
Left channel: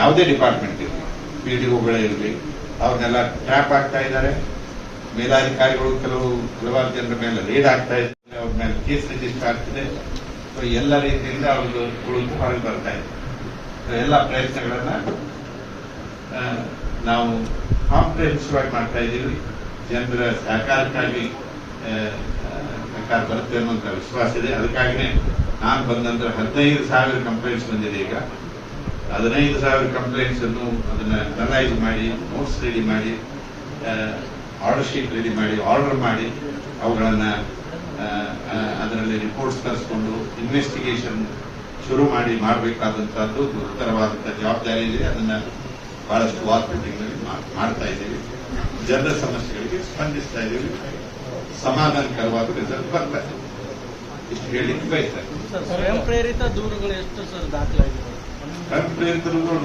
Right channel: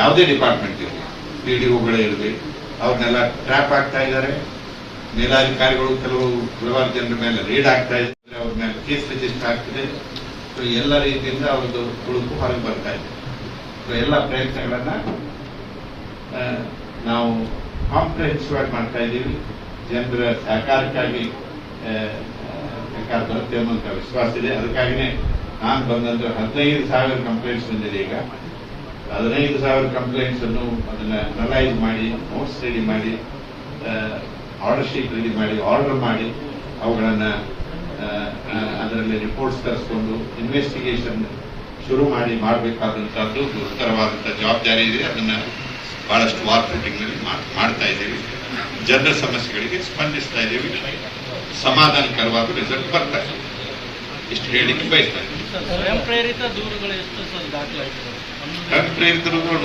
ಯಾವುದೇ ಡಿಪಾರ್ಟ್ಮೆಂಟ್ ಇರಲಿ, PDOಗಳೇ ಇರಲಿ, ಅವ್ರನ್ನೆಲ್ಲ ಟ್ರ್ಯಾಪ್ ಆಗ್ತಾ ಇದ್ದಾರೆ. ಮೇಲಾಧಿಕಾರಿಗಳು ಹಲವಾರು ಜನರ ಮೇಲೆ ರೇಡ್ ಆಗ್ತಾ ಇದ್ದಾರೆ, ಅವ್ರ ಮೇಲೆ ಕೇಸ್ ರಿಜಿಸ್ಟರ್ ಆಗ್ತಿದೆ. ಸೊ ಎಲ್ಲ ರೀತಿಯಿಂದ ಒಂದು ಹುಡುಕು ಹೊರಗೆ ಬರ್ತಾ ಇದೆ. ಸೊ ಎಲ್ಲ ಪ್ರಯತ್ನಗಳನ್ನ ನಾವು ಕಾಂಪ್ರಿಹೆನ್ಸಿವ್ ಆಗಿ ಮಾಡ್ತಾ ಇದ್ದೀವಿ. ಜನರ ಸಹಕಾರಕ್ಕಾಗಿ ಸರ್ಕಾರ ಬರುತ್ತೆ ಅನ್ನುವಂಥ ವಿಶ್ವಾಸ ಇದೆ. ಅದಕ್ಕಾಗಿನೇ ನಾನು ಬಂದ ನಂತರ 15,000 ಕಂಪ್ಲೇಂಟ್ಸ್ ಬಂದಿದೆ. ಈಗ 15,000 ಕಂಪ್ಲೇಂಟ್ಸ್ ಅನ್ನು ಅದನ್ನ ಅನಲೈಸ್ ಮಾಡಿ, ನೋಟ್ಸ್ ರೆಡಿ ಮಾಡಿ, ಆರ್ಡರ್ ಶೀಟ್ ರೆಡಿ ಮಾಡಿ, ಆರ್ಡರ್ ಮಾಡಿ, ಅವುಗಳನ್ನ ಅದರಲ್ಲಿ ರಿಪೋರ್ಟ್ಸ್ ತರಿಸ್ಕೊಂಡು ಇನ್ವೆಸ್ಟಿಗೇಷನ್ ಶುರು ಮಾಡಿ ಮಾಡಬೇಕಾದಂತಹದ್ದು ಗುರುತರವಾದಂತಹ ಜವಾಬ್ದಾರಿ ಇದೆ. ಅದನ್ನ ಬಹಳಷ್ಟು ವಾರ್ ರೂಟಿಂಗ್ ನಲ್ಲಿ ಮಾಡ್ತಾ ಇದ್ದೀವಿ. ಜನರ ಸಮಸ್ಯೆಗಳಿಗೆ ಸ್ಪಂದಿಸ್ತಾ ಇದ್ದೀವಿ. ಸಮಾಧಾನಕರವಾದ ರಿಸಲ್ಟ್ ಬರ್ತಾ ಇದೆ. ಇಷ್ಟು ಹೇಳಿಕ್ಕೆ ಬಯಸ್ತಾ ಇದ್ದೀನಿ. ಸ್ವಯಂ ಪ್ರೇರಿತ ದೂರುಗಳು ಎಷ್ಟು ಸರ್ ದಾಖಲಾಗಿದೆ? ಸ್ವಯಂ ಪ್ರೇರಿತ ದೂರುಗಳು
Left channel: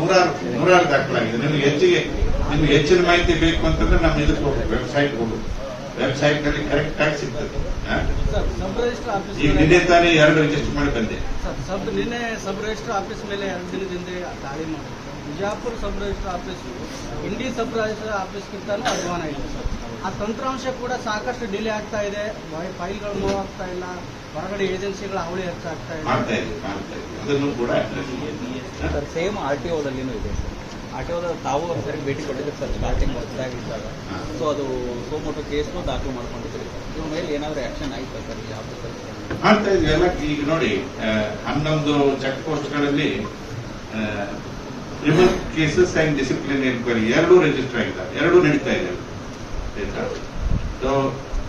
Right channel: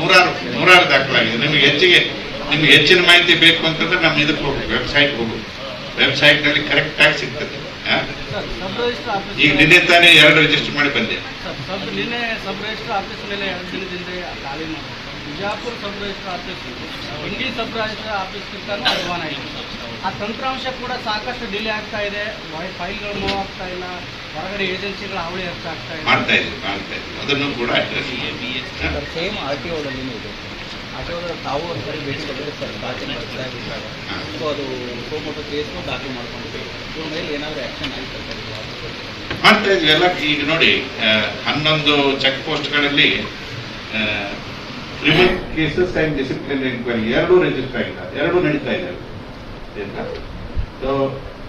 ನೂರಾರು ದಾಖಲಾಗಿದೆ. ನಿಮ್ಗೆ ಹೆಚ್ಚಿನ ಮಾಹಿತಿ ಬೇಕು ಅಂತಂದ್ರೆ ನಮ್ಮ ಇದಕ್ಕೆ ಹೋಗ್ಬೇಕು, ವೆಬ್ಸೈಟ್ ಹೋಗ್ಬೇಕು. ವೆಬ್ಸೈಟ್ ನಲ್ಲಿ ಕರೆಕ್ಟ್ ಆಗಿ ಸಿಗ್ತದೆ. ಈಗ ನಿನ್ನೆ ತಾನೇ 2 ರಿಜಿಸ್ಟರ್ ಮಾಡಿ ಬಂದೆ. ನಿನ್ನೆ ಸಬ್ ರಿಜಿಸ್ಟರ್ ಆಫೀಸ್ ಮೇಲೆ 2 ದಿನದಿಂದ ದಾಳಿ ಮಾಡಿ ಬಿಜಾಪುರ ಸಬ್ ರಿಜಿಸ್ಟರ್ ಆಫೀಸ್ ಇಂಡಿ ಸಬ್ ರಿಜಿಸ್ಟರ್ ಆಫೀಸ್ಗಿಂತ ಆಹ್ವಾನ ಇದೆ. ಆ ತಂತ್ರಾಂಶ ಕೂಡ ಸಾಕಷ್ಟು ಡಿಲೇ ಆಗ್ತಾ ಇದೆ. ಫೈಲ್ಗಳು ಮೂವ್ ಆಗ್ತಾ ಇಲ್ಲ. ಹೊರಗಡೆ ಏಜೆನ್ಸಿಗಳ ಹಾವಳಿ ಹೆಚ್ಚಾಗ್ತಾ ಇದೆ. ಮಾಡ್ತಾ ಇದ್ದೀವಿ. ಅದನ್ನು ಕೂಡ ಸೇಮ್ RTOದಲ್ಲಿ ಇದೆ ಸರ್. RTO ತಾವು ಸರಿ ಭೇಟಿ ಕೊಟ್ಟಿದೆ ಸರ್. ದಾಖಲೆ ಮಾಡಿದಾಗ ಸೊ ಅದು ಸೋಮೋಟೋ ಕೇಸ್ನು ದಾಖಲು ಮಾಡ್ಕೊಂಡಿದ್ದೀವಿ. ಇದ್ರ ಮೇಲೆ ಏನಾದರೂ ಆ್ಯಕ್ಷನ್ ಆಯಿತು ಸರ್? ಮಾಡ್ತಾ ಇದ್ವಿ ಎಲ್ಲ. ಈಗ ನೋಡಿ 11 ಚೆಕ್ ಪೋಸ್ಟ್ಗಳಲ್ಲಿ criminal cases and discipline enquiry 2 register ಆಗಿದ್ದಾರೆ. 2 ನಡೀತಾ ಇದೆ.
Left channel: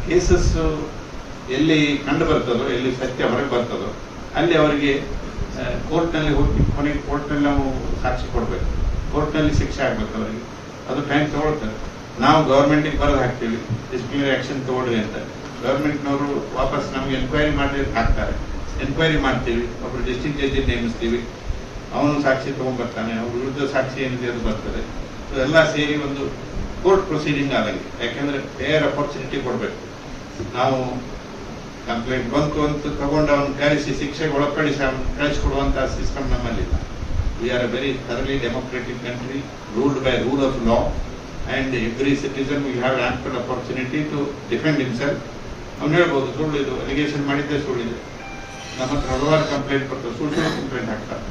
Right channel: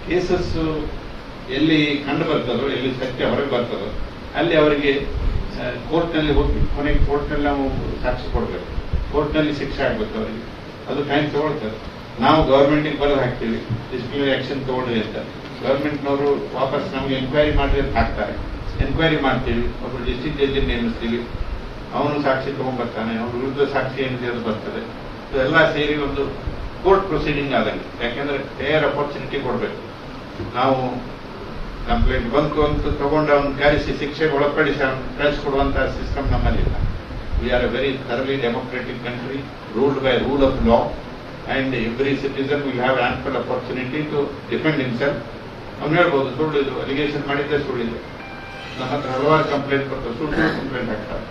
ಕೇಸಸ್ ಎಲ್ಲಿ ಕಂಡು ಬರ್ತದೋ, ಎಲ್ಲಿ ಸತ್ಯ ಹೊರಗೆ ಬರ್ತದೋ ಅಲ್ಲಿ ಅವರಿಗೆ ಕೋರ್ಟ್ನಲ್ಲಿ ಹೋಗಿ ಕೊನೆಗೆ ಕೋರ್ಟ್ನಲ್ಲಿ ನಾವು ಸಾಕ್ಷಿ ಕೊಡಬೇಕು. ಕೋರ್ಟ್ನಲ್ಲಿ ಶಿಕ್ಷೆ ಆಗ್ಬೇಕು ಅವರಿಗೆ. ಅದು ಟೈಮ್ ತಗೊಳ್ತಾರೆ. ನಾವು ಗವರ್ಮೆಂಟಿಗೆ ಬರೆದು ಹಾಕ್ತೀವಿ ಡಿಸಿಪ್ಲಿನರಿ ಆಕ್ಷನ್ ತಗೊಳ್ಳಿ ಅಂತ. ಗವರ್ಮೆಂಟ್ನವರು ವಾಪಸ್ ನಮಗೆ ಎನ್ಕ್ವೈರಿ ಮಾಡಿ ಹಾಕ್ತಾರೆ. ಎನ್ಕ್ವೈರಿ ಮಾಡ್ತೀವಿ. ಒಬ್ಬರು ಡಿಸ್ಟ್ರಿಕ್ಟ್ ಜಡ್ಜ್ ನೇಮಿಸ್ತೀವಿ. ಅವನು ಸಾಕ್ಷಿ ತಗೊಂಡ್ಬರ್ತಾನೆ. ಅವ್ರ ವಿರುದ್ಧ ಸಾಕ್ಷಿ ಏನಿದೆ ಅದು ಬರ್ತದೆ. ಎಲ್ಲ ಸೇರಿ ಒಂದು ಕೋರ್ಟ್ ಪ್ರೊಸೀಡಿಂಗ್ ಆಗಲ್ಲ. ಯಾಕೆಂದ್ರೆ ಫೇರ್ ಅಪರ್ಚುನಿಟಿ ಕೊಡಬೇಕು. ನಾವು ಕಂಪ್ಲೇಂಟ್ ಬಂತು ಅಂತ ತಗೊಂಡು ಅವನು ಕರೆಸಿ ಶಿಕ್ಷೆಗೆ ಒಳಪಡಿಸಿ ಅವನು ಕಳಿಸ್ಕೊಡುವಂತಹ ಸಿಸ್ಟಮ್ ನಮ್ಮಲ್ಲಿಲ್ಲ. We are a very thoroughly democratic country ruled by rule of law and every citizen will have ample opportunity to defend himself. ಅವ್ನು ಹೇಳ್ಬೋದು ಸುಳ್ಳಿದು ಅಲಿಗೇಷನ್ ಮಾಡಿದ್ದೆ ಸುಳ್ಳಿದೆ. ನಮ್ಮ ಹತ್ರ ಹಲವಾರು ಕಂಪ್ಲೇಂಟ್ ಬರ್ತಾರೆ. ಸುಳ್ಳು ಕಂಪ್ಲೇಂಟ್ ಹಾಕ್ತಾರೆ.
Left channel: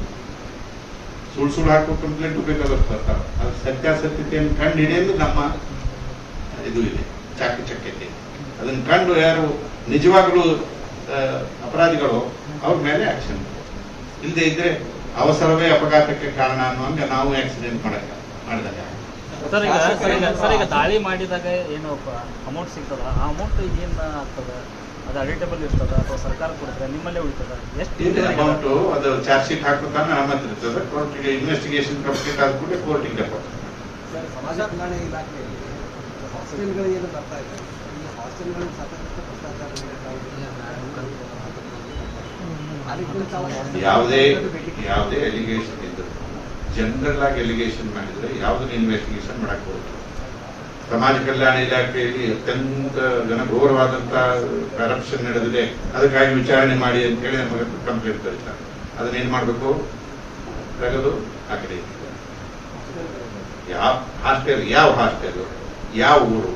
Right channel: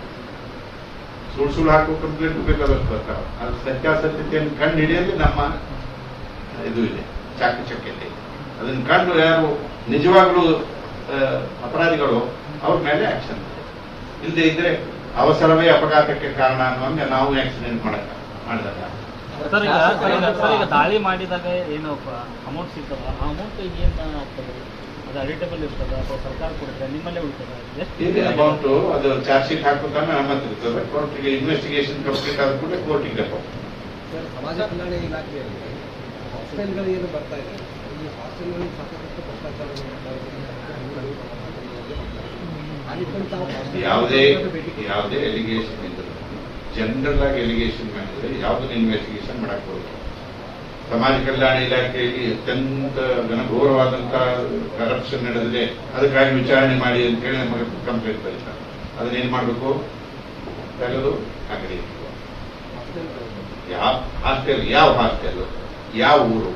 ಸುಳ್ಳು ಹಾಕುವ ಕಂಪ್ಲೇಂಟ್ ಬೇಕಾದಷ್ಟು ಬರ್ತಾವೆ. ಅದು ಸತ್ಯಾಸತ್ಯತೆಯನ್ನು ಕಂಡು ಹಿಡಿಯಲ್ಲಿ ನಮ್ಮ ಇದು ಇದೆ, ಚಾಕಚಕ್ಯತೆ. ಅದನ್ನು ಕಂಡು ಯಾರು ನಿಜವಾಗ್ಲೂ ಅಪರಾಧಿಗಳು ಅವ್ರ ಮೇಲೆ ಆಕ್ಷನ್. ಇಲ್ಲದೆ ಇದ್ರೆ ಅವಸರವೇ ಅಪಘಾತಕ್ಕೆ ಕಾರಣ ಅನ್ನುವಂಗೆ ನಾವು ಆಕ್ಸಿಡೆಂಟ್ ಮಾಡಿದಾಗ ಸರ್ ಈಗ ದಾಳಿ ಮಾಡಿದಾಗ ಏನು ಅಮೌಂಟ್ ಸಿಗ್ತದ, ಆ ಅಮೌಂಟ್ ಏನು ಆಗ್ತದೆ? ಅದು ಅಡಿಟೇಬಲ್ ಇರ್ತದ ಅಥವಾ ಸರ್ಕಾರ ಕೊಡ್ತದೆ, ನಿಮ್ಮಲ್ಲೇ ಉಳಿತದ? ಎಷ್ಟು ಅಮೌಂಟು ಅದು ಚಾರ್ಜ್ ಶೀಟ್ ಹಾಕುತ್ತಾನೆ ನಮ್ಮ ಹತ್ರ ಇರ್ತದೆ. ಕೋರ್ಟಿಗೆ ಇನ್ವೆಸ್ಟಿಗೇಷನ್ ಕಂಪ್ಲೀಟ್ ಆದ ಕೂಡಲೇ ಕೋರ್ಟಿಗೆ ಡೆಪಾಸಿಟ್. ಸಮಾಜ ಕಲ್ಯಾಣ ಇಲಾಖೆಯಲ್ಲಿ ಹಾಸ್ಟೆಲ್ಗಳು ಏನು ಬರ್ತಾ ಇದೆ, ಈ ಹಾಸ್ಟೆಲ್ಗಳಲ್ಲಿ ಸಾಕಷ್ಟು ಭ್ರಷ್ಟಾಚಾರ ಯಾವುದೇ ಎಲಿಗೇಷನ್ ಇದ್ದರು ಜನರಲ್ ಆಗಿ ಎಲಿಗೇಷನ್ ಮಾಡಿದ್ರೆ ಯಾವುದನ್ನು ಇನ್ವೆಸ್ಟಿಗೇಷನ್ ಮಾಡಕ್ ಹೋಗುತ್ತೆ. ಸಮಾಜ ಕಲ್ಯಾಣ ಇಲಾಖೆಯಲ್ಲಿ ಅತ್ಯಂತ ಘನಘೋರವಾದಂತಹ ಕರಪ್ಷನ್ ನಡೆದಿದೆ, ಅದಕ್ಕಾಗಿ ವಿಚಾರಣೆ ಮಾಡಿ ಅಂತ ಹೇಳಿ ನಮಗೆ ಕಂಪ್ಲೇಂಟ್ ಕರೀತಾರೆ. ಅದನ್ನೇನ್ ಮಾಡಬೇಕು? ತೆಗೆದು ಆ ಕಡೆ ಯಾವ ಹಾಸ್ಟೆಲ್, ಯಾವ ಊರು,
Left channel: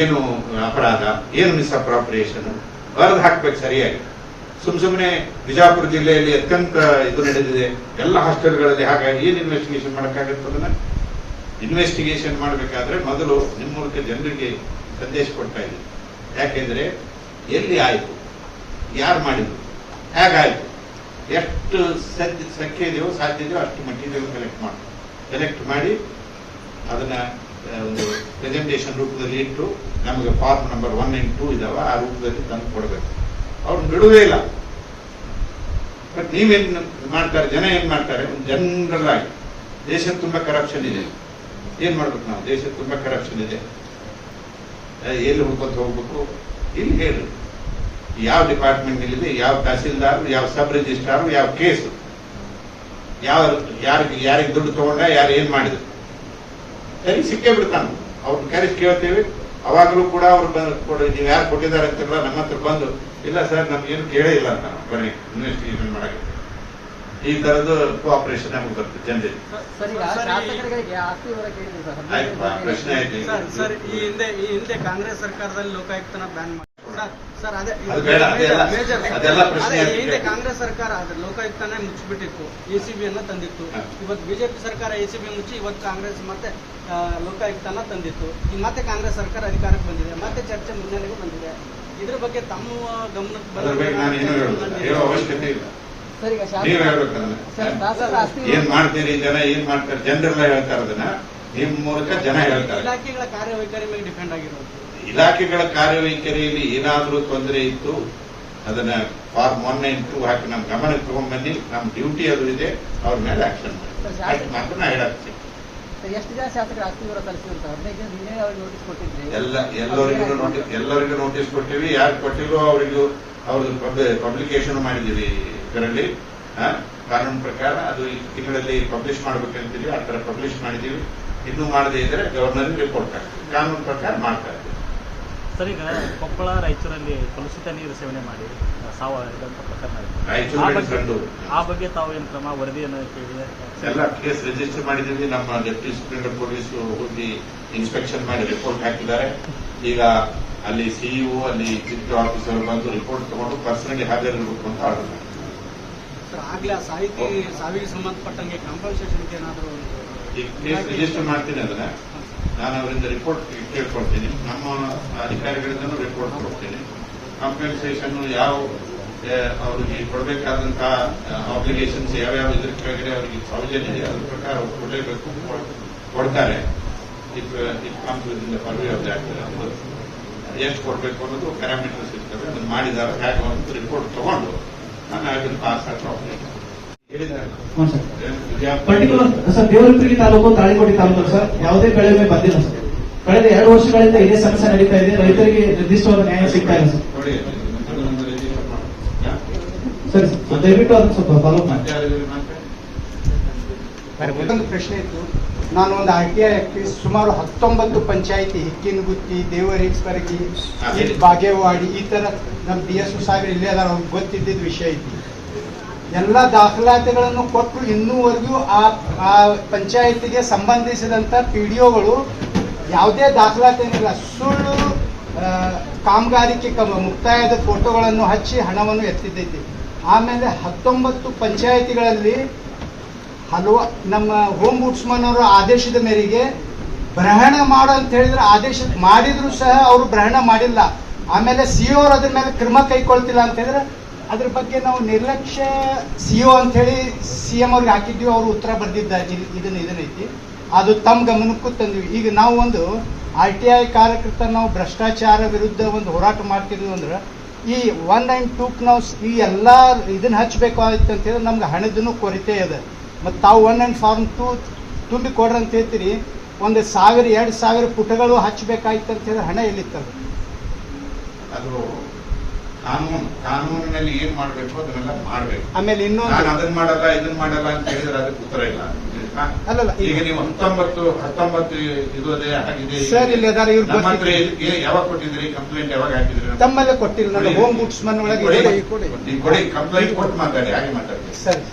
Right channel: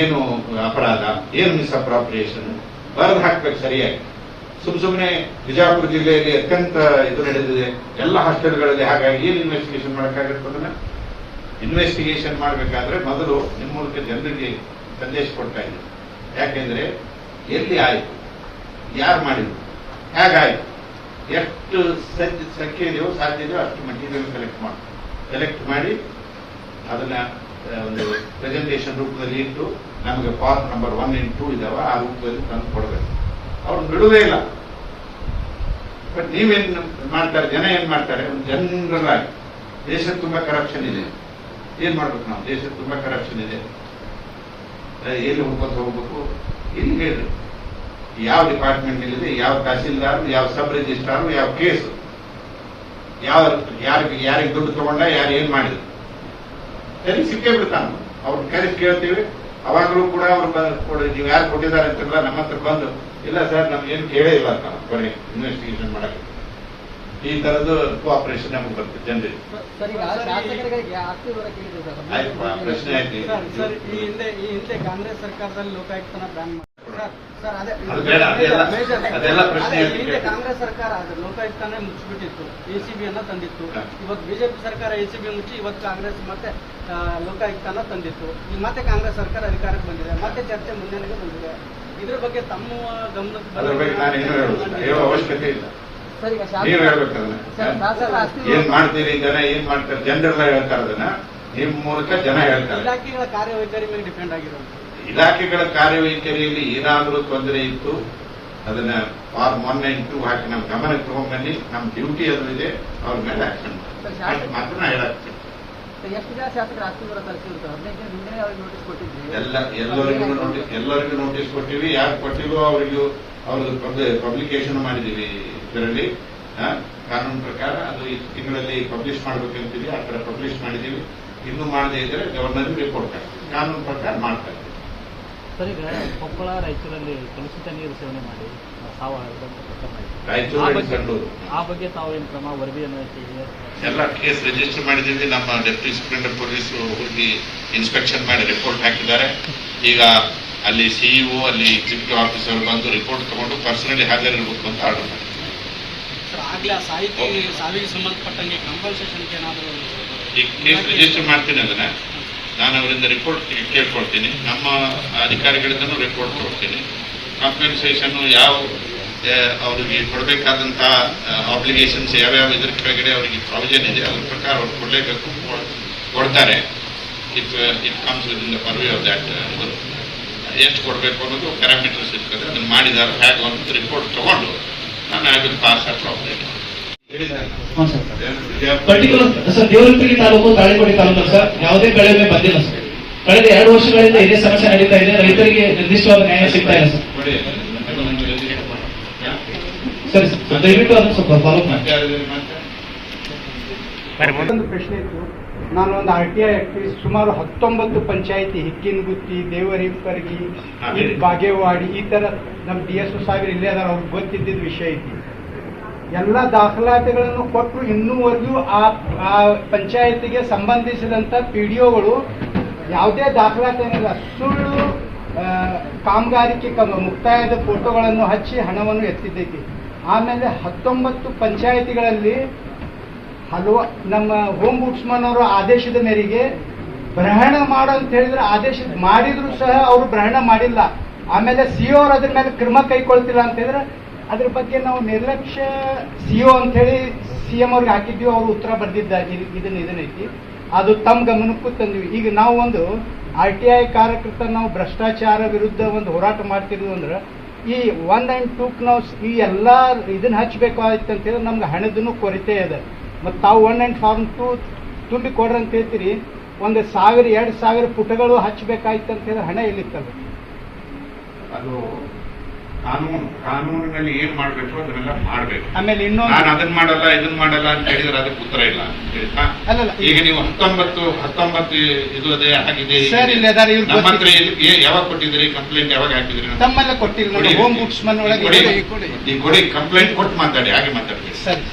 ಏನು ಅಪರಾಧ, ಏನು ಮಿಸ್ಅಪ್ರಾಪ್ರಿಯೇಷನ್ ಬರೆದು ಹಾಕ್ಬೇಕು ಸರಿಯಾಗಿ. ಸುಮ್ಮನೆ ಬಿಜಾಪುರ ಜಿಲ್ಲೆಯಲ್ಲಿ ಅತ್ಯಂತ ಇದು ನಡೆದಿದೆ ಎಲ್ಲ ಹಾಸ್ಟೆಲ್ಗಳಲ್ಲಿ. ಹಾಗಾಗಿ ಏನು ಇನ್ವೆಸ್ಟಿಗೇಷನ್ ಮಾಡೋಕ್ಕಾಗಿರ್ತದನ್ನ ಇನ್ವೆಸ್ಟಿಗೇಷನ್ ಮಾಡಬೇಕಾದ್ರೆ ಮೊದಲು ನಿಮ್ಮ ಮೂಲಕ ಜನರಿಗೆ ಸಂದೇಶ ಕೊಡ್ತಾ ಇದ್ದೀವಿ. ಯಾಕೆಂದ್ರೆ ಎಲ್ಲಿ ಆಯಿತು, ಯಾರು ಮಾಡಿದ್ರು, ಹೇಗಾಯಿತು, ಎಷ್ಟು ಸಂಖ್ಯೆ ಇದೆಯೋ ಸಾಧ್ಯ ಇದೆಯೋ ಅಷ್ಟು ಮಟೀರಿಯಲ್ ಕಲೆಕ್ಟ್ ಮಾಡಿ ಅದನ್ನ ಒಂದು ಪ್ರೆಸೆಂಟೇಷನ್ ರೂಪದಲ್ಲಿ ಇಟ್ಟು ನಮಗೆ ಫಾರ್ಮ್ ನಂಬರ್ 1 and 2 ಇದಾವ, ಆ ರೂಪದಲ್ಲಿ ತಂದು ಕೊಡಬೇಕು. ಅವ್ರು ಬಿಡುವೇ ಇಲ್ಲ. ಬಟ್ ನೀವೇನ್ ಮಾಡ್ತಾರೆ, ಜನ ಏನ್ ಮಾಡ್ತಾರೆ, ಜನರಲ್ ಆಗಿ ದೇಶದ ತುಂಬಾ ಕರಪ್ಷನ್ ಇದೆ, ಏನ್ ಮಾಡ್ಬೇಕು ನಾವು? ದೇಶದ ತುಂಬಾ ಕರಪ್ಷನ್ ಇದೆ, ಎಲ್ಲಿ ಹೋಗ್ಬೇಕು? ಇಲ್ಲಿ ಹೇಳ್ರಿ, ಯಾವ ಡಿಪಾರ್ಟ್ಮೆಂಟ್ ಇದೆ, ಯಾವ ತಹಸೀಲ್ದಾರ್, ಯಾವ ಸಬ್ ರಿಜಿಸ್ಟ್ರಾರ್, ಯಾವ ಕೇಸು, ಯಾರಿಗೆ ದುಡ್ಡು ತಗೊಂಡ, ಯಾರು ಏನ್ ಮಾಡಿದ್ರು ಸರಿ ಸಿಕ್ಕೇ ಬಿಡ್ತಾನ. ಅವ್ರ ಕರೆಸಿ ಕೇಳ್ತೀವಿ. ಅವಾಗಲೂ ಕೂಡ ಅವ್ರು ನೀವು ಯಾರು ಕೊಟ್ಟಿದ್ದಾರೆ ಅಂತಾರಲ್ಲ, ನಮ್ಮ ಹತ್ರ ಬಂದು ಇಲ್ಲ ಸರ್ ನಮ್ಗೇನು ಕೇಳೇ ಇಲ್ಲ ಅಂತ ಬರೀ ಇನ್ವೆಸ್ಟಿಗೇಷನ್ ಮಾಡಕ್ಕೆ. ಈ ತರದ್ದು ಕೋಆಪರೇಷನ್ ನಮ್ಗೆ ಬರ್ತದೆ ಜನರಿಗೆ. ಆಯ್ತು, ಪ್ರಶ್ನೆ ಆಯ್ತು. ಈ ಹಿಂದೆ ಕಾಂಗ್ರೆಸ್ ಸರ್ಕಾರದಲ್ಲಿ ಲೋಕಾಯುಕ್ತನ ಬ್ಯಾನ್ ಮಾಡಿ ಸರ್ ಅದೇ ಅದು ಬೇಡ, ಅದೆಲ್ಲ ಪ್ರಶ್ನೆ ಅದೇ ಇರ್ತದೆ. ಹಿಂದೆ ಕಾಂಗ್ರೆಸ್ ಸರ್ಕಾರ ಲೋಕಾಯುಕ್ತನೇ ಮುಚ್ಚಿಬಿಟ್ಟಿತ್ತು, ACB ಅನ್ನ ತಂದಿತ್ತು. ಇವತ್ತು ಬಿಜೆಪಿ ಸರ್ಕಾರ ACB ಮುಚ್ಚಿ ಇವತ್ತು ಕಾಂಗ್ರೆಸ್ ಮತ್ತೆ ಲೋಕಾಯುಕ್ತನ ತಂದಿತ್ತು. ಈಗ ಮತ್ತೆ ಕಾಂಗ್ರೆಸ್ ಸರ್ಕಾರ ಅಧಿಕಾರಕ್ಕೆ ಬಂದಿದೆ, ಮತ್ತೆ ಚರ್ಚೆ ಮುಂಜಾನೆಗೆ ಬಂದಿದೆ. ಇದ್ರ ಬಗ್ಗೆ ತಮ್ಮ ಗಮನಕ್ಕೆ ಅದ್ರ ಬಗ್ಗೆ ನಾನು ಏನು ಹೇಳುವ ಅವಶ್ಯಕತೆ ಇಲ್ಲ. ನೀವು ಹೇಳ್ಬೇಕಂದ್ರೆ ಏನ್ ಮಾಡ್ತೀರಿ ಜನ ಏನ್ ಮಾಡ್ತಾರೆ, ಜನರೆಲ್ಲ ಹೇಳ್ತಾರೆ ಅದನ್ನ ನಿಮ್ಮ ಮೂಲಕ ಜನ ಹೇಳ್ತಾರೆ. ಇಲಾಖೆಗಳ ಕಾರ್ಯವೈಖರಿ ಮೇಲೆ ಡಿಪೆಂಡ್ ಆಗಿರೋದು. ಇಲಾಖೆಗಳ ಕಾರ್ಯವೈಖರಿಯಲ್ಲಿ ಏನಾದರೂ ತೊಂದರೆ ಇತ್ತು ಅದನ್ನ ಫಾರ್ಮ್ 192 ಹಾಕಿ ನಮ್ಮ ಗಮನಕ್ಕೆ ತಗೊಂಡ್ಬನ್ನಿ. ನಮ್ಮ ಡ್ಯೂಟಿ ಅದು ಇದೆ, ಅವ್ರ ಮೇಲೆ ಆಕ್ಷನ್ ಮಾಡಿ ಮಾತ್ರ ನಾ ಹೇಳಾಕ್ತೀನಿ. ಎಷ್ಟು ಜನ ಶಾಸಕರು ಆಸ್ತಿಗಳ ಕಳಿಸಿರ್ತಾರೆ ಎಲ್ಲರಿಗೂ ನೋಟಿಸ್ ಕೊಟ್ಟಿವಿ. ಯಾರು ಕೊಟ್ಟಿರೋ ಅವರಿಗೂ ಅವ್ರದ್ದು ಪಬ್ಲಿಕೇಶನ್ ಮಾಡಿದೀವಿ ಇದರಲ್ಲಿ ಕಾನೂನು ಪ್ರಕಾರ. ಅದು ಈ ತಿಂಗಳಲ್ಲಿ ಪಬ್ಲಿಷ್ ಮಾಡ್ಬೇಕಂತೀವಿ, ಆ ಕಡೆ ಪಬ್ಲಿಷ್ ಮಾಡಿದೀವಿ. ಇನ್ನೂ ಮಾಡದೇ ಇದ್ರೆ ಗವರ್ನರ್ ರಿಪೋರ್ಟ್ ಕಾನೂನು ಪ್ರಕಾರ ಮಾಡ್ತಾರೆ. ಸರ್, ಈಗ ಕೊಪ್ಪಳ ರಾಯಚೂರಲ್ಲಿ ಕಲುಷಿತ ನೀರು ಸೇವನೆ ಮಾಡಿ ಸಾವಾದಂತ ಪ್ರಕರಣ ಇದೆ. ರಾಯಚೂರು ಆ ಬಗ್ಗೆ ತಾವು ಏನು ಕ್ರಮ ವರದಿಯನ್ನು ಕೇಳಿದೆ? ಎಲ್ಲ ಕೇಸ್ ರಿಜಿಸ್ಟರ್ ಮಾಡಿದ್ದೀವಿ. ನಮ್ಮ ಡೆಪ್ಯೂಟಿ ಸೂಪರಿಂಟೆಂಡೆಂಟ್ ಪೊಲೀಸ್ ಹೋಗಿ ಇನ್ಸ್ಪೆಕ್ಷನ್ ಮಾಡಿ ರಿಪೋರ್ಟ್ ಹಾಕಿದ್ದಾರೆ. ಈಗ ಅಲ್ಲಿ ಸಿಇಒ ಅಲ್ಲಿ ಎಕ್ಸಿಕ್ಯೂಟಿವ್ ಆಫೀಸರ್ ಬಂದು ರಿಪೋರ್ಟ್ ತಗೊಂಡು ಪರ್ಸನಲಿ ಹಾಜರಿರಬೇಕು ಅಂತ ಆರ್ಡರ್ ಮಾಡಿ. ಆಗ್ಲೇ ಸಾವಿಗೆ ಸಂಬಂಧಪಟ್ಟಂಗೆ ಕಾಂಪನ್ಸೇಷನ್ಗೆ ಏನಾದರೂ ಈ ಕೇಸ್ ರಿಜಿಸ್ಟರ್ ಮಾಡ್ತೀನಿ, ಅದನ್ನ ನಾನು ಅವರಿಂದ ರಿಪೋರ್ಟ್ ಕೇಳ್ಕೊಳ್ತೀನಿ. ನಮ್ಮ ಅಧಿಕಾರಿಗಳಿಂದನೂ ರಿಪೋರ್ಟ್ ಕೊಡ್ತೀನಿ. ಕಾಂಪೆನ್ಸೇಷನ್ ಯಾವ ಅವರಿಗೆ ಕೊಡಬೇಕಾದಂತಹ ಆಬ್ಲಿಗೇಷನ್ಸ್ ಯಾವ್ಯಾವ ಇದ್ರ ಕೆಳಗಡೆ ಅವರಿಗೆ ಪ್ರಾವಿಷನ್ ಇದೆ ಅದ್ರ ಪ್ರಕಾರ ಅವ್ರು ಕೊಡಲೇಬೇಕು, ಕೊಡ್ತಾರೆ. It comes with in the purview of that. ಎಷ್ಟು ಕೊಡಬೇಕು ಅನ್ನೋದು ಪ್ಯಾರಾಮೀಟರ್ಸ್ ಇರ್ತದೆ. ಅದನ್ನು ಮಾಡಿದ್ದಾರೆ ಹೇಗೆ ಅನ್ನೋದು ರಿಪೋರ್ಟ್ ತಗೊಂಡು ನಾನು I will pass appropriate. Particular sir, Devarapalli taluk, Talikote taluk sir ಯಾವುದೇ ಬೆಳೆ ಬಂದಿಲ್ಲ ಸರ್. ಕಳೆದ 2 ವರ್ಷಗಳಿಂದ ಇದೇ ಸಮಸ್ಯೆ ನಡೀತಾ ಇದೆ. ರೈತರಿಗೆ ನಿರ್ದಿಷ್ಟವಾದ ನ್ಯಾಯ ಸಿಗ್ತಾ ಇಲ್ಲ ಸರ್. ಸರಿ ಸರ್, ದಯವಿಟ್ಟು ಅದನ್ನು ಸ್ವಲ್ಪ ಫಾಲೋ ಮಾಡಿ. ಒಂದು ಪ್ರಶ್ನೆ ಇತ್ತು. ನಾನು ಒಂದು RTI ಆಕ್ಟಿವಿಸ್ಟ್, ಸುಮಾರು 19 ಪಂಚಾಯಿತಿ, ಹಿಕ್ಕಿನಗುತ್ತಿ, ದೇವರೇಶ್ವರಗಿ, ಬಾಗೇವಾಡಿ, ಈ ಥರ ನಮ್ಮ DSO ಸಾಹೇಬರು ಇಲ್ಲೇ ಅದಾರ, ಅವ್ರಿಗೆ ಗೊತ್ತಿದ್ದ ವಿಷಯ ಐತಿ. ಎಲ್ಲ ದಾಖಲಾತಿಗಳನ್ನು ಕೊಟ್ಟು ಇನ್ನೂವರೆಗೂ ಆ ಪಂಚಾಯಿತಿಗೆ ಸಂಬಂಧಿಸಿದಂಥ PDOಗಳು ಯಾವುದೇ ದಾಖಲಾತಿ ಏನಿಲ್ಲ, ಸುಳ್ಳು ಕಾಮಗಾರಿಕೆ ಮುಕ್ತಾಯದ ಫೋಟೋಗಳನ್ನು ಹಚ್ಚಿ ಹಣವನ್ನು ಎತ್ತಿದ್ದೈತಿ. ಆಮೇಲೆ 19 ಪಂಚಾಯಿತಿಗಳಲ್ಲಿ ನಮ್ಮ ಹೋಮ್ ಬುಡ್ಸ್ಮನ್ ಅವರ ಆದೇಶದ ಮೇರೆಗೆ ಗ್ರಹಣ ಮಾಡು ಅಂತ ಹೇಳಿದ್ರೆ ಆದೇಶ ಮಾಡಿದ್ರು ಸಹ ಅವರು ಗ್ರಹಣ ಮಾಡಿಲ್ಲ. ಆಮೇಲೆ CO ಅವರು ಅದ್ರ ಮೇಲೆ ಕ್ರಮ ಕೈಗೊಳ್ತಿಲ್ಲ ಅಂತ ಹೇಳಿದ್ರೆ ಅದ್ರ ಬಗ್ಗೆ ನಾವು ನಿರ್ಲಕ್ಷ್ಯ CO ಅಂತ ಹೇಳಿ CM ಅವ್ರಿಗೆ ಹಾಕಿದ್ದೀವಿ. ಅವರು ಉತ್ತರ ಬರೆದಿದ್ದಾರೆ, ಇದನ್ನೈತಿ, ಅದು ತಮ್ಮ ಗಮನಕ್ಕೂ ತಂದ್ವಿ. ಈಗ ನಾವು ಒಂದು RTI ಕಾರ್ಯಕರ್ತ ನಾವು ಭ್ರಷ್ಟಾಚಾರ ವಿರುದ್ಧ ಒಂದು ಹೋರಾಟ ಮಾಡ್ತಿದ್ವಿ ಅಂದ್ರೆ ಈ 1 and 2 ನಾವು ಈ ಎಲ್ಲ ಇದನ್ನ ಹಚ್ಚಬೇಕು ಆಯ್ತು ಅಂತ ಹೇಳಿದ್ರೆ ನಮ್ಗೆ ಹಣದೂ ಕೊರತೆ ಇದೆ. ಮತ್ತು ತಾವು 1 and Form 2 ತುಂಬಿ ಕೊಡ್ರಿ ಅಂತ ಹೇಳ್ತೀರಿ. 1,000-2,000 ಪುಟಗಳು ಹಚ್ಚಬೇಕಾಯ್ತು ಅಂತ ಹೇಳಿದ್ರೆ ಹಣ ಎಲ್ಲಿತ್ತಲ್ಲ. ಅದು ಕಾನೂನಿನಲ್ಲಿ ಏನ್ ಮಾಡ್ಬೇಕು ಅದನ್ನೆಲ್ಲ ಮಾಡ್ಬೇಕು. ಆಮೇಲೆ ಇನ್ನೊಂದು, ನಾನು ಅದನ್ನ ಮಾಡಲ್ಲ ಇದನ್ನ ಮಾಡಲ್ಲ ಅಂತ ಹೇಳಿದ್ರೆ ಅದಕ್ಕೆ ಉತ್ತರ ಇಲ್ಲ. ಈಗ ನೀವು 19 ಇದು ಅದೇ ಆಗಿದೆ. ನಮ್ಮ ಹತ್ರ ಯಾವಾಗ ಕೊಟ್ಟಿದ್ರಿ ಕಂಪ್ಲೇಂಟ್, ಯಾವಾಗ ಹಾಕಿದ್ರಿ? ತಮ್ಮಲ್ಲೇ ಕೊಟ್ಟಿಲ್ಲ ನೋಡಿ, ಹೋಮ್ ಬುಡ್ಸ್ಮನ್ ಒಳಗೆ ಈ ಕೊಡಿ, ಕಂಪ್ಲೇಂಟ್ ಕೊಟ್ಟು ಮಾತಾಡಿ, ಹಾಗೆ ಮಾತಾಡ್ಬೇಕು. ಸರಿ.